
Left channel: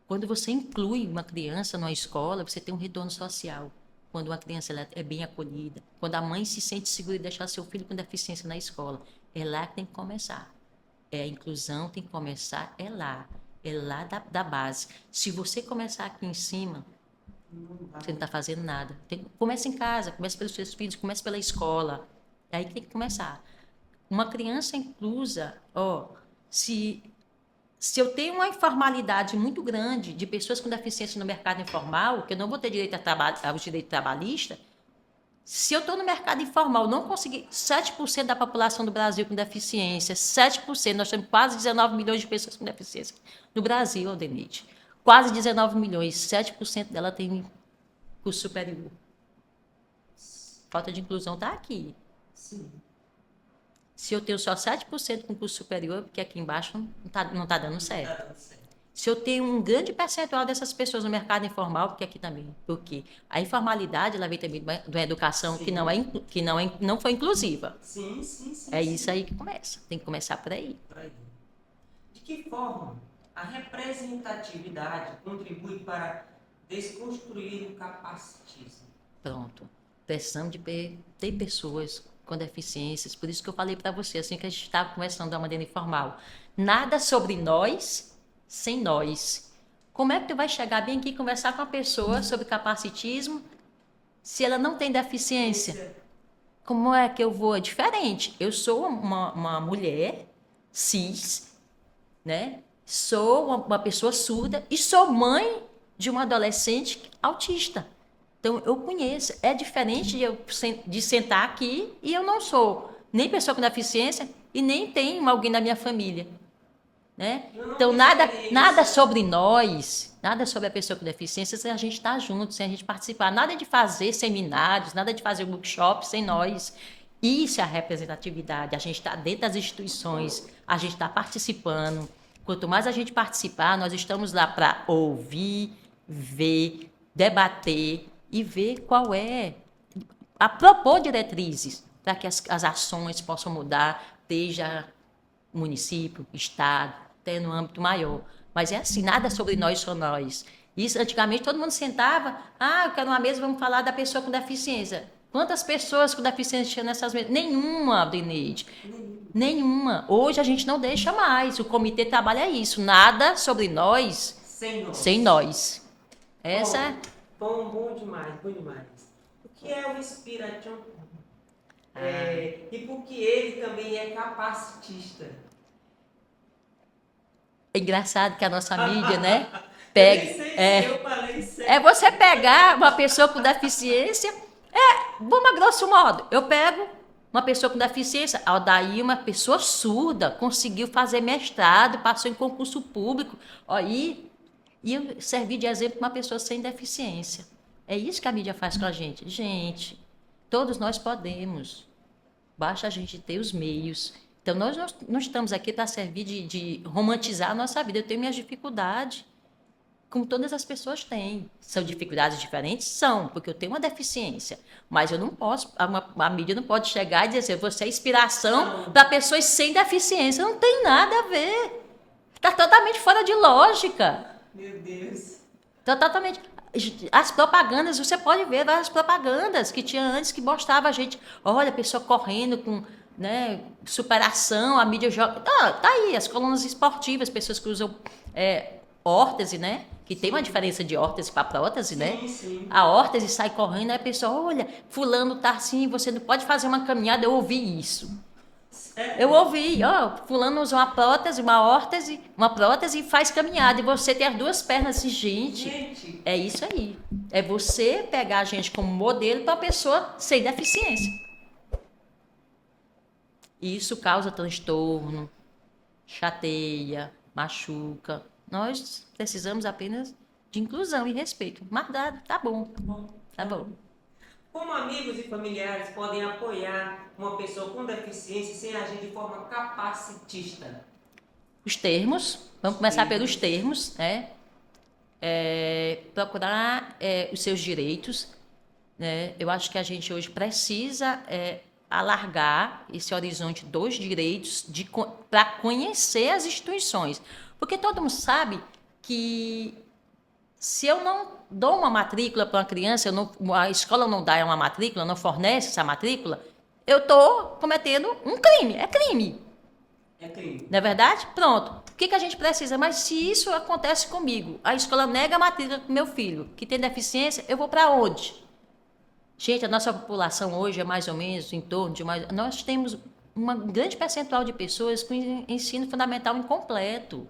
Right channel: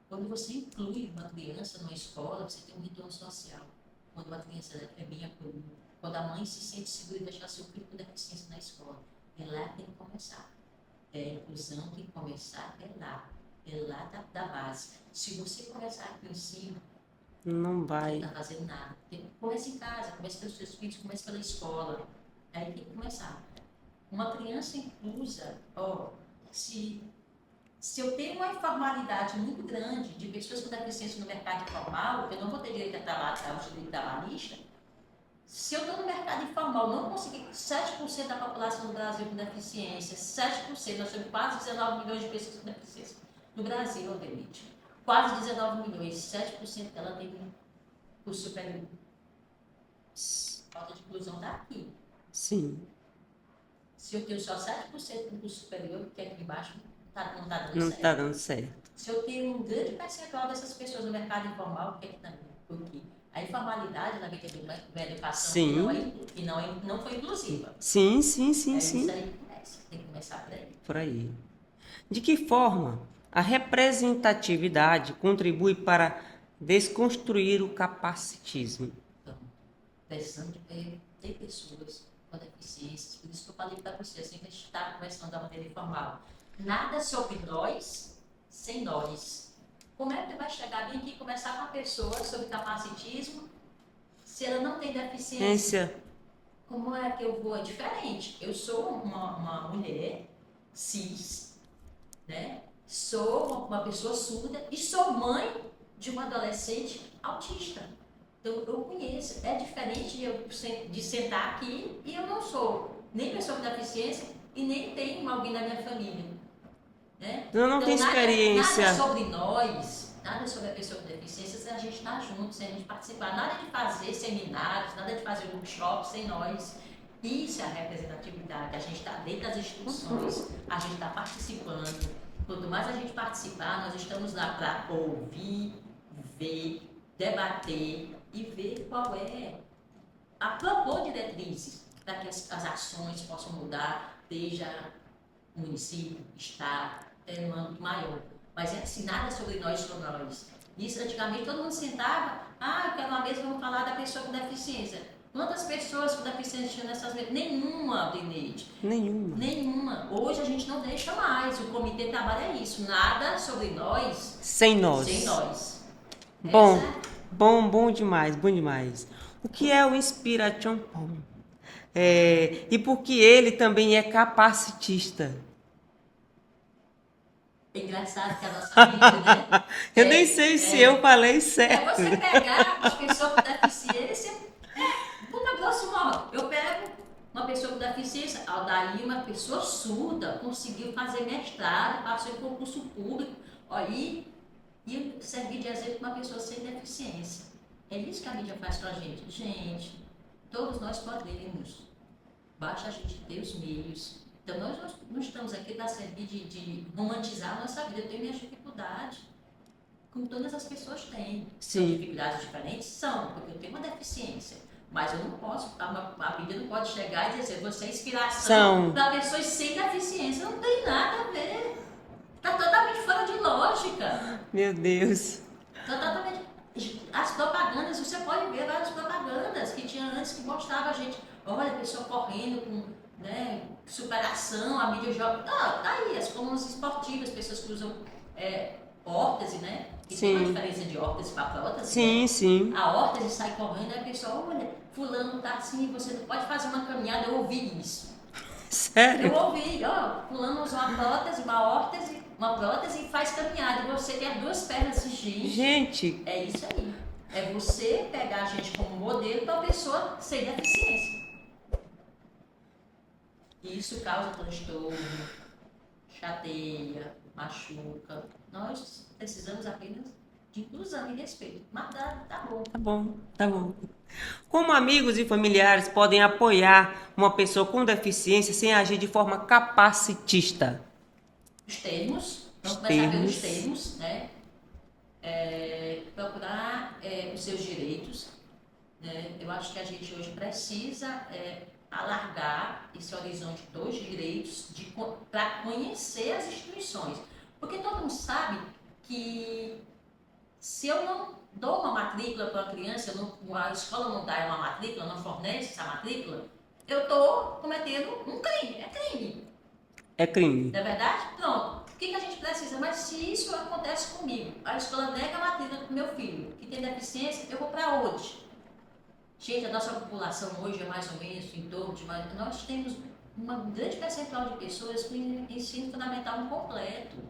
Quando você inclui uma criança numa escola, você tem um retorno social. Quando uma criança ela é bem acolhida, quando a mãe se sente segura de deixar seu filho com deficiência na escola, é lá que tem que começar. A inclusão tem que começar é lá da base. Se você começar aqui em cima, não vai. Você não está fazendo nada. Começa em casa, começa pelos seus filhos, começa pela escola. É aí que tem que começar. Uma criança inclusa, se eu tenho uma informalidade muito grande de pessoas com deficiência no mercado informal, que eu não vou ter direito ao direito trabalhista, se eu estou no mercado informal, não conseguir 7% da população do Brasil com deficiência, 7%, nós temos quase 19 milhões de pessoas com deficiência no Brasil, Aldenide. Quase 19 milhões, 7% dela tem curso superior. Falta de inclusão está aqui. Sim. Se eu tenho só 7% com curso superior, porque aqui embaixo não tá dando certo. Não está dando certo. Se eu tenho um grande percentual dessas pessoas no mercado informal, porque aqui também, porque a informalidade ela vem também de uma educação que não foi inclusiva. Sim. Isso aí que começa. Tem que começar por aí. Por aí. De que forma a representatividade contribui para desconstruir o capacitismo? Pronto. Precisamos de ter pessoas com deficiências. Por isso que eu falei para você, assim que a gente estava conversando da maneira informal. Nada sobre nós sem nós. Como é que tu vai chegar bem aqui e conversar com a pessoa sobre capacitismo se ela não tem deficiência? Como é que eu vou? É diferente. Eu sou uma mulher cis, né? Sou uma pessoa surda e sou mãe de uma adolescente autista. Então, eu conheço. É diferente de sentar aqui e eu não sou nem pessoa com deficiência e nem tenho alguém na minha família. Né? Então, nada sobre nós, nada sobre a pessoa com deficiência sem a gente estar junto, sem a gente participar. Nada de fazer seminários, nada de fazer workshops sem nós. Isso é a representatividade. A gente está dentro das instituições, a gente está participando. Quanto mais a gente participar, nós estamos lá para ouvir, ver, debater e ver qual é, a propor diretrizes para que as ações possam mudar, seja município, estado, até no âmbito maior. Mas é assim, nada sobre nós, só nós. Isso, antigamente, todo mundo sentava, eu quero uma mesa, vamos falar da pessoa com deficiência. Quantas pessoas com deficiência tinham nessas mesas? Nenhuma, Deneide. Nenhuma. Hoje a gente não deixa mais. O comitê trabalha isso. Nada sobre nós. Sem nós. Sem nós. Bom demais. O que é o Inspiration Pom? E por que ele também é capacitista? É engraçado que a nossa mídia, né? Eu nem sei se eu falei certo. É você pegar uma pessoa com deficiência, vamos a grosso modo, eu pego uma pessoa com deficiência, daí uma pessoa surda conseguiu fazer mestrado, passou em concurso público, aí E eu servi de exemplo para uma pessoa sem deficiência. É isso que a mídia faz com a gente. Gente, todos nós podemos. Basta a gente ter os meios. Então, nós não estamos aqui para servir de romantizar a nossa vida. Eu tenho minhas dificuldades, como todas as pessoas têm. São dificuldades diferentes? São, porque eu tenho uma deficiência. Mas eu não posso, a mídia não pode chegar e dizer assim, você é inspiração para pessoas sem deficiência. Não tem nada a ver. Está totalmente fora de lógica. Meu Deus. Está totalmente... As propagandas, você pode ver várias propagandas que tinha antes que mostrava a gente, olha, a pessoa correndo com, né, superação, a mídia joga. Tá aí, as colunas esportivas, pessoas que usam órtese, né? Que tem uma diferença de órtese para prótese, né? Sim, sim. A órtese sai correndo, aí a pessoa, olha, fulano tá assim, você não pode fazer uma caminhada. Eu ouvi isso. Sério? Eu ouvi, fulano usa uma prótese e faz caminhada. E você tem as duas pernas assim, gente. É isso aí. É você pegar a gente como modelo para uma pessoa sem deficiência. E isso causa transtorno, chateia, machuca. Nós precisamos apenas de inclusão e respeito. Mas tá bom. Tá bom. Como amigos e familiares podem apoiar uma pessoa com deficiência sem agir de forma capacitista? Os termos, vamos começar pelos termos, né? Procurar os seus direitos, né? Eu acho que a gente hoje precisa alargar esse horizonte dos direitos para conhecer as instituições. Porque todo mundo sabe que se eu não dou uma matrícula para uma criança, a escola não dá uma matrícula, não fornece essa matrícula, eu estou cometendo um crime. É crime. É crime. Não é verdade? Pronto. O que a gente precisa? Mas se isso acontece comigo, a escola nega a matrícula para o meu filho, que tem deficiência, eu vou para onde? Gente, a nossa população hoje é mais ou menos em torno de mais... Nós temos um grande percentual de pessoas com ensino fundamental incompleto.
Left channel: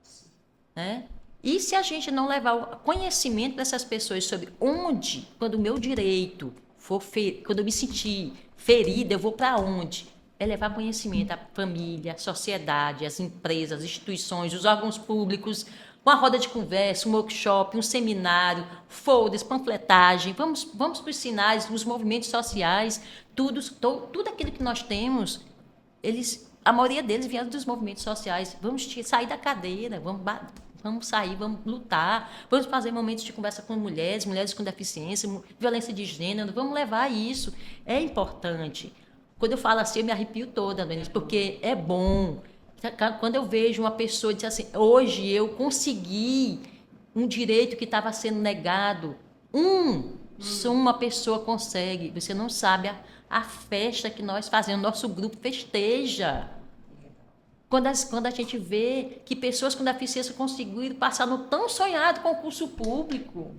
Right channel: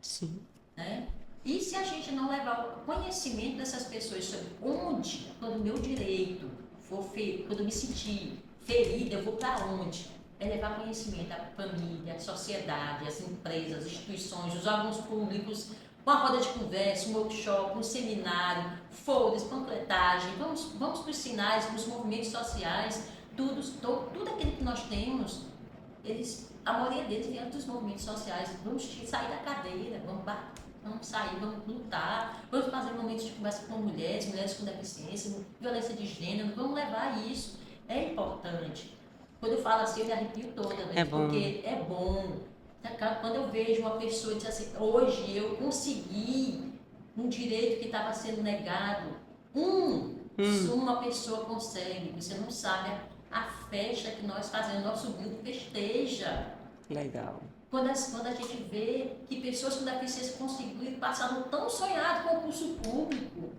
Sim. Né? E se a gente não levar o conhecimento dessas pessoas sobre onde, quando o meu direito for quando eu me sentir ferida, eu vou para onde? É levar conhecimento à família, à sociedade, às empresas, às instituições, os órgãos públicos, uma roda de conversa, um workshop, um seminário, folders, panfletagem, vamos para os sinais, os movimentos sociais, tudo aquilo que nós temos, a maioria deles vieram dos movimentos sociais. Vamos sair da cadeira, vamos sair, vamos lutar, vamos fazer momentos de conversa com mulheres com deficiência, violência de gênero, vamos levar isso. É importante. Quando eu falo assim, eu me arrepio toda, porque é bom. Quando eu vejo uma pessoa dizer assim, hoje eu consegui um direito que estava sendo negado, só uma pessoa consegue. Você não sabe a festa que nós fazemos, nosso grupo festeja. Legal. Quando a gente vê que pessoas com deficiência conseguiram passar no tão sonhado concurso público.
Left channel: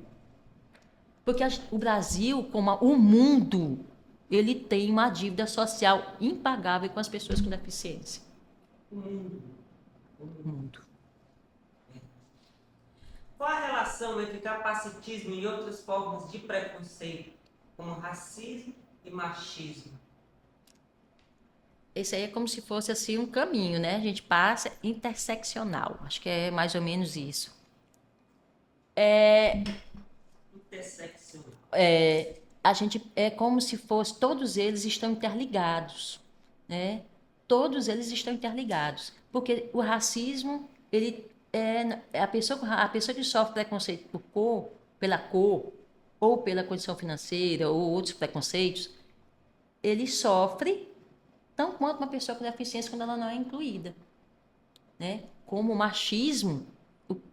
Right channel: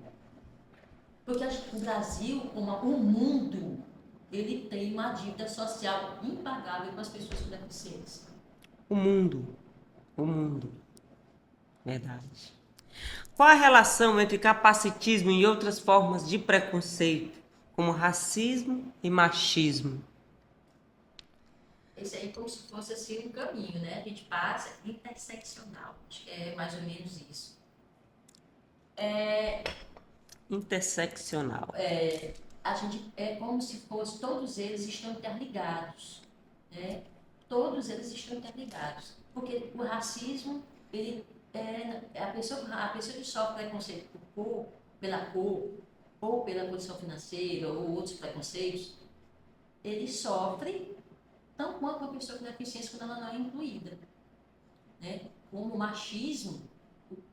Porque o Brasil, como o mundo, ele tem uma dívida social impagável com as pessoas com deficiência. O mundo. Verdade. Qual a relação entre capacitismo e outras formas de preconceito, como racismo e machismo? Esse aí é como se fosse assim um caminho, né? A gente passa interseccional. Acho que é mais ou menos isso. Interseccional. A gente é como se fosse, todos eles estão interligados, né? Todos eles estão interligados, porque o racismo, ele a pessoa que sofre preconceito pela cor, ou pela condição financeira, ou outros preconceitos, ele sofre tão quanto uma pessoa com deficiência quando ela não é incluída, né? Como o machismo.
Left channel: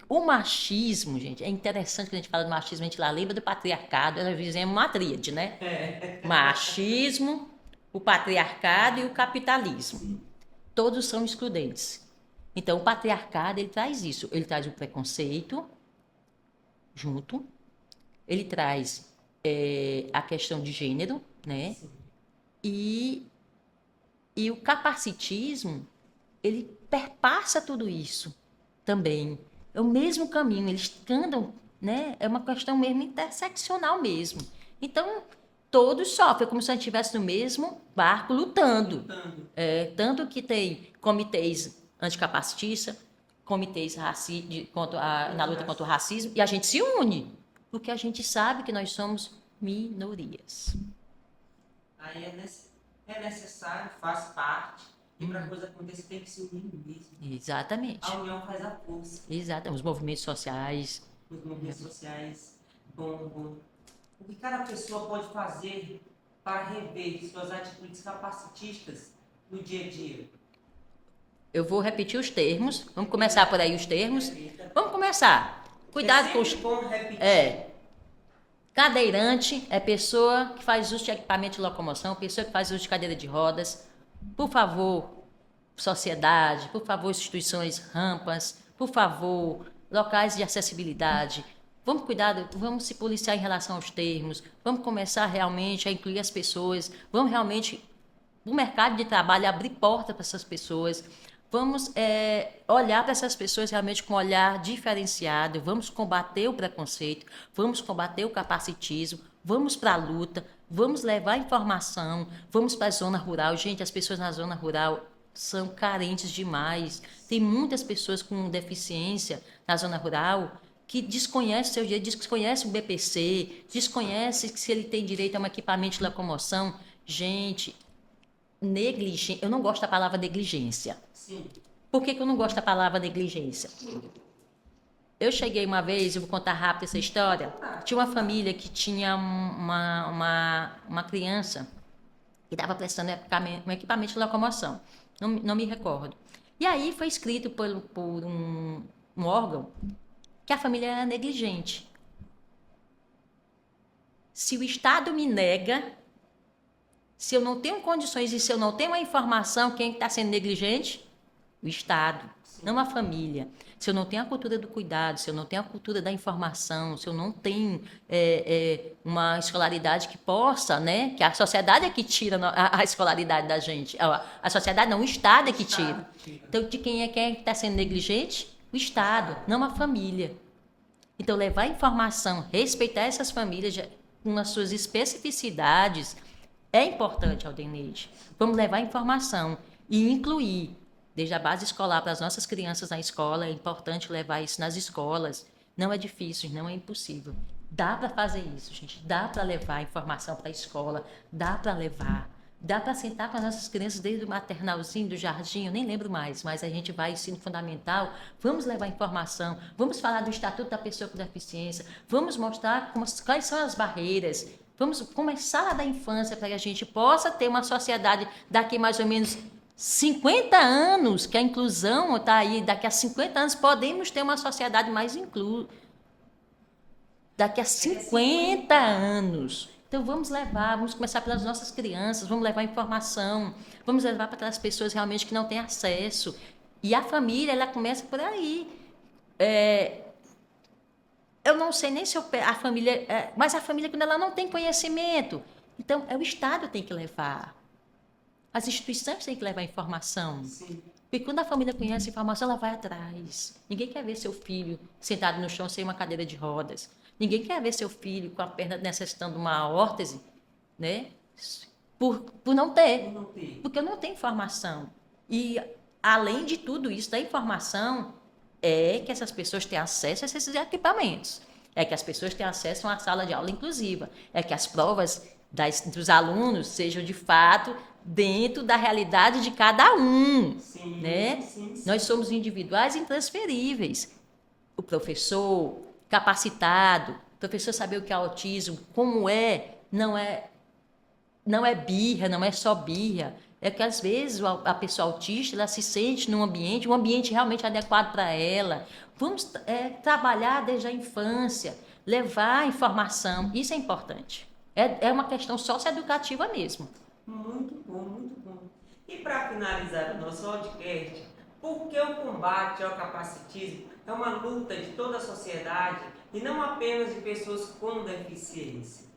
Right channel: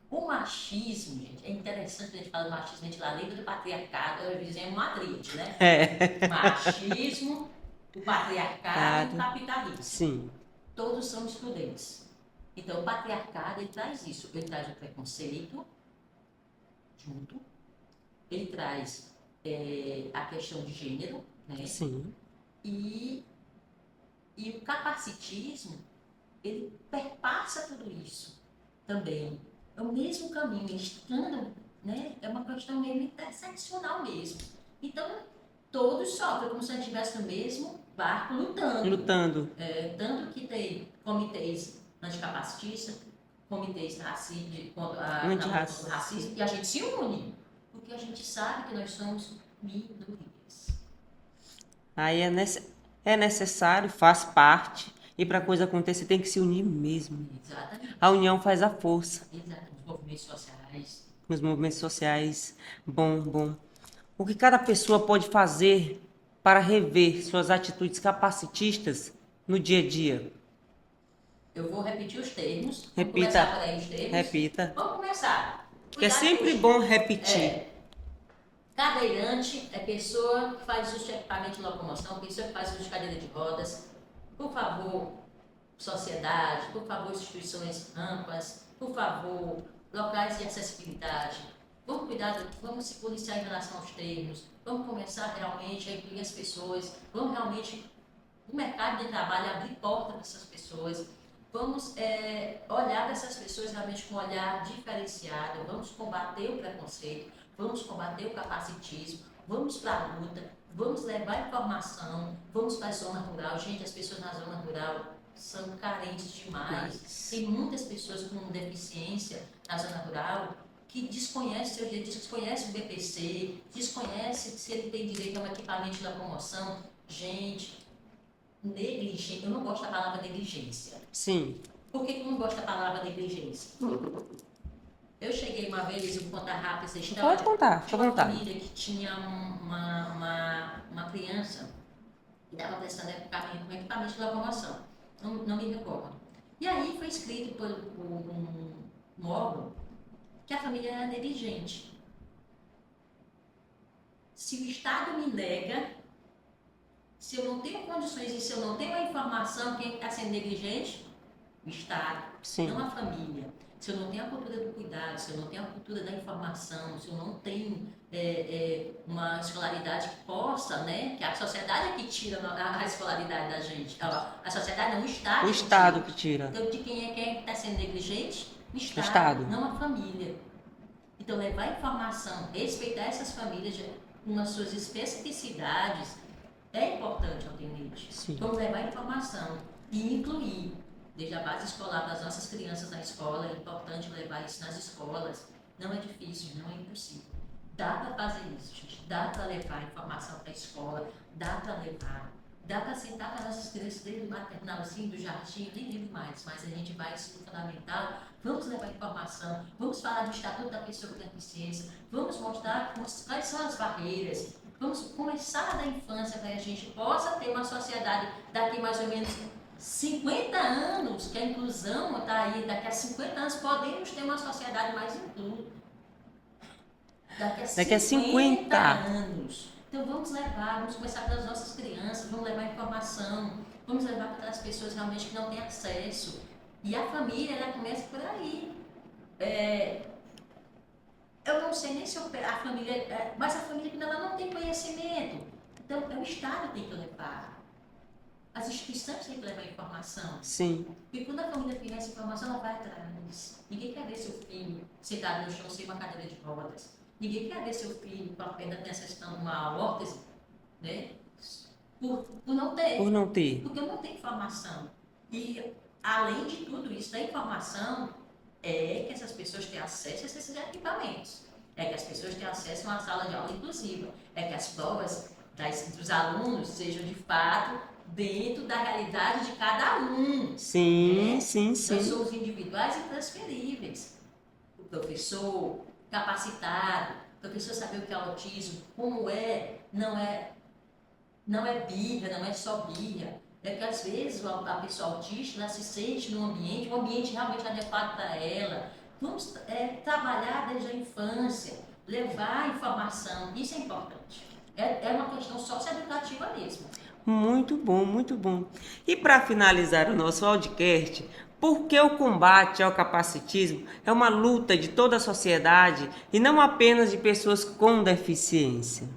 O machismo, gente, é interessante que a gente fala do machismo, a gente lá lembra do patriarcado, nós dizemos uma tríade, né? Machismo, o patriarcado e o capitalismo. Sim. Todos são excludentes. Então, o patriarcado, ele traz isso. Ele traz o preconceito junto, ele traz a questão de gênero, né? Sim. E o capacitismo, ele perpassa tudo isso também. É o mesmo caminho, eles andam, né? É uma questão mesmo interseccional mesmo. Então, todos sofrem, como se a gente estivesse no mesmo barco lutando. Lutando. Tanto que tem comitês anticapacitistas, comitês na luta contra o racismo e a gente se une, porque a gente sabe que nós somos minorias. Aí é necessário, faz parte. E para a coisa acontecer, tem que se unir mesmo. Exatamente. A união faz a força. Exato. Os movimentos sociais. Os movimentos sociais. Bom. O que cada pessoa pode fazer para rever suas atitudes capacitistas no dia a dia? Eu vou repetir os termos. Vamos Repita. começar por aí os termos. Repita. Vamos começar. Cuidado, é sempre bom repetir. Cadeirante é pessoa que faz uso de equipamento de locomoção, pessoa que faz uso de cadeira de rodas. Por favor, sociedade, por favor, instituições, rampas, por favor, locais de acessibilidade. Vamos cuidar, vamos se policiar em relação aos termos, vamos começar realmente a incluir as pessoas, vamos realmente, no mercado de trabalho, abrir porta para essas pessoas. Vamos olhar para essas pessoas realmente com um olhar diferenciado, vamos combater o preconceito, vamos combater o capacitismo, vamos para a luta, vamos levar informação, vamos para a zona rural. Gente, as pessoas na zona rural são carentes demais. Tem muitas pessoas com deficiência na zona rural que desconhecem seu direito, desconhecem o BPC, desconhecem se ele tem direito a um equipamento de locomoção. Gente, eu não gosto da palavra negligência. Sim. Por que eu não gosto da palavra negligência? Eu cheguei uma vez, eu vou contar rápido essa história. Pode contar. Tinha uma família que tinha uma criança que estava prestando um equipamento de locomoção. Não me recordo. E aí foi escrito por um órgão que a família era negligente. Se o Estado me nega, se eu não tenho condições e se eu não tenho a informação, quem está sendo negligente? O Estado, Sim. não a família. Se eu não tenho a cultura do cuidado, se eu não tenho a cultura da informação, se eu não tenho uma escolaridade que possa, né? Que a sociedade é que tira a escolaridade da gente. A sociedade não, o Estado é que tira. Que tira. Então, de quem é que está sendo negligente? O Estado, não a família. Então, levar informação, respeitar essas famílias com as suas especificidades é importante, Aldeneide. Vamos levar informação e incluir desde a base escolar para as nossas crianças na escola. É importante levar isso nas escolas. Não é difícil, não é impossível. Dá para fazer isso, gente. Dá para levar informação para a escola. Dá para levar. Dá para sentar com as nossas crianças desde o maternalzinho, do jardim, eu nem lembro mais, mas a gente vai ensino fundamental. Vamos levar informação. Vamos falar do Estatuto da Pessoa com Deficiência. Vamos mostrar quais são as barreiras. Vamos começar da infância para que a gente possa ter uma sociedade daqui mais ou menos 50 anos, que a inclusão está aí, daqui a 50 anos podemos ter uma sociedade mais inclusiva. Daqui a 50 anos. Então vamos começar pelas nossas crianças, vamos levar informação, vamos levar para aquelas pessoas realmente que não têm acesso. E a família, ela começa por aí. Eu não sei nem se a família... mas a família, quando ela não tem conhecimento, então o Estado tem que levar. As instituições têm que levar informação. Sim. Porque quando a família conhece a informação, ela vai atrás. Ninguém quer ver seu filho sentado no chão sem uma cadeira de rodas. Ninguém quer ver seu filho com a perna necessitando uma órtese, né? Por não ter. Por não ter. Porque não tem informação. E, além de tudo isso, da informação é que essas pessoas têm acesso a esses equipamentos. É que as pessoas têm acesso a uma sala de aula inclusiva. É que as provas dos alunos sejam, de fato, dentro da realidade de cada um. Sim, né? sim. Nós somos individuais e intransferíveis. O professor capacitado, o professor saber o que é autismo, como não é birra, não é só birra. É que às vezes a pessoa autista, ela se sente num ambiente, um ambiente realmente adequado para ela. Vamos trabalhar desde a infância, levar informação, isso é importante. É uma questão socioeducativa mesmo. Muito bom, muito bom. E para finalizar o nosso podcast, por que o combate ao capacitismo é uma luta de toda a sociedade e não apenas de pessoas com deficiência?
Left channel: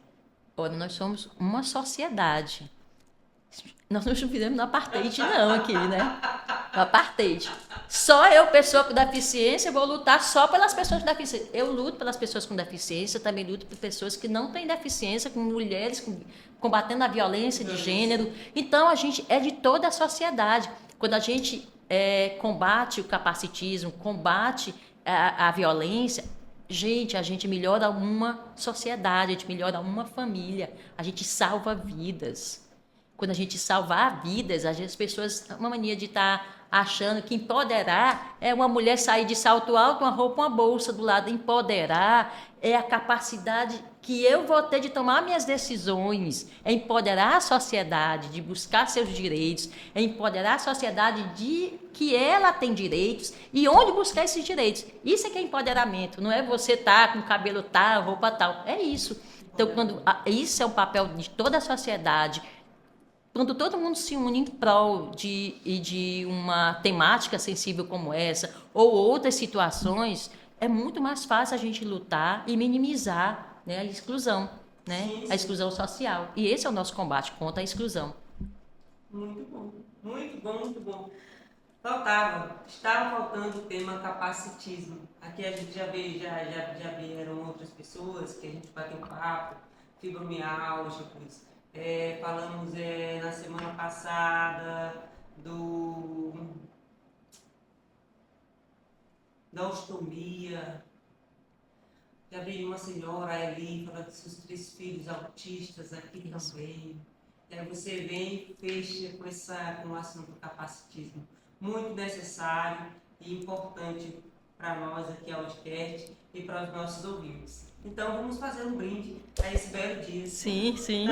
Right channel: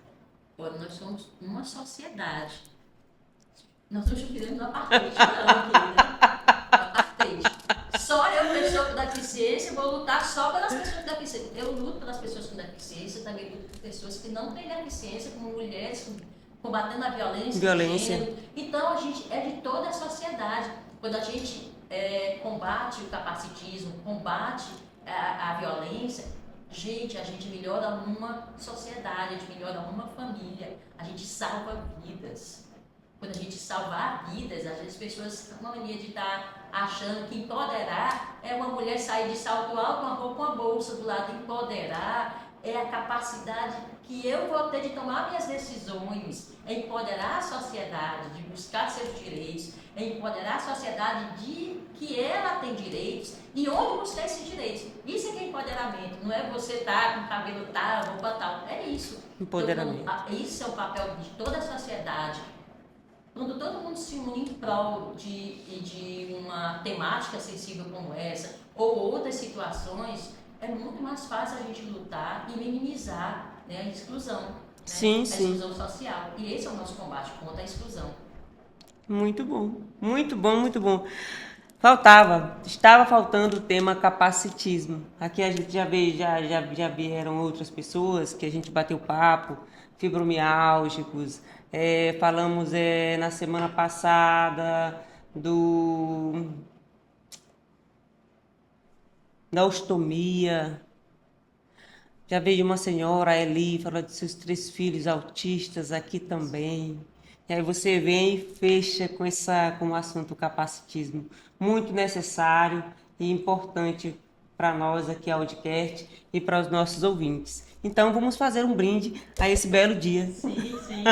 Olha, nós somos uma sociedade. Nós não fizemos no apartheid não aqui, né? No apartheid. Só eu, pessoa com deficiência, vou lutar só pelas pessoas com deficiência. Eu luto pelas pessoas com deficiência, também luto por pessoas que não têm deficiência, com mulheres, combatendo a violência de gênero. Então, a gente é de toda a sociedade. Quando a gente combate o capacitismo, combate a violência, gente, a gente melhora uma sociedade, a gente melhora uma família, a gente salva vidas. Quando a gente salvar vidas, as pessoas, uma mania de estar achando que empoderar é uma mulher sair de salto alto, uma roupa, uma bolsa do lado. Empoderar é a capacidade que eu vou ter de tomar minhas decisões, é empoderar a sociedade, de buscar seus direitos, é empoderar a sociedade de que ela tem direitos e onde buscar esses direitos. Isso é que é empoderamento, não é você estar com o cabelo tal, roupa tal, é isso. Então, isso é o papel de toda a sociedade. Quando todo mundo se une em prol de uma temática sensível como essa, ou outras situações, é muito mais fácil a gente lutar e minimizar, né, a exclusão, né? Sim, a exclusão social. E esse é o nosso combate contra a exclusão. Muito bom, muito bom, muito bom. Estava faltando o tema capacitismo. Aqui a gente já vieram outras pessoas que a gente bateu papo, fibromialgicos, falamos na semana passada da ostomia. Já veio uma senhora, a Eli, falou de seus 3 filhos autistas aqui também. E aí você vem e fecha com o assunto capacitismo. Muito necessário e importante para nós aqui, Audicast, e para os nossos ouvintes. Então vamos fazer um brinde a esse belo dia. Sim, sim.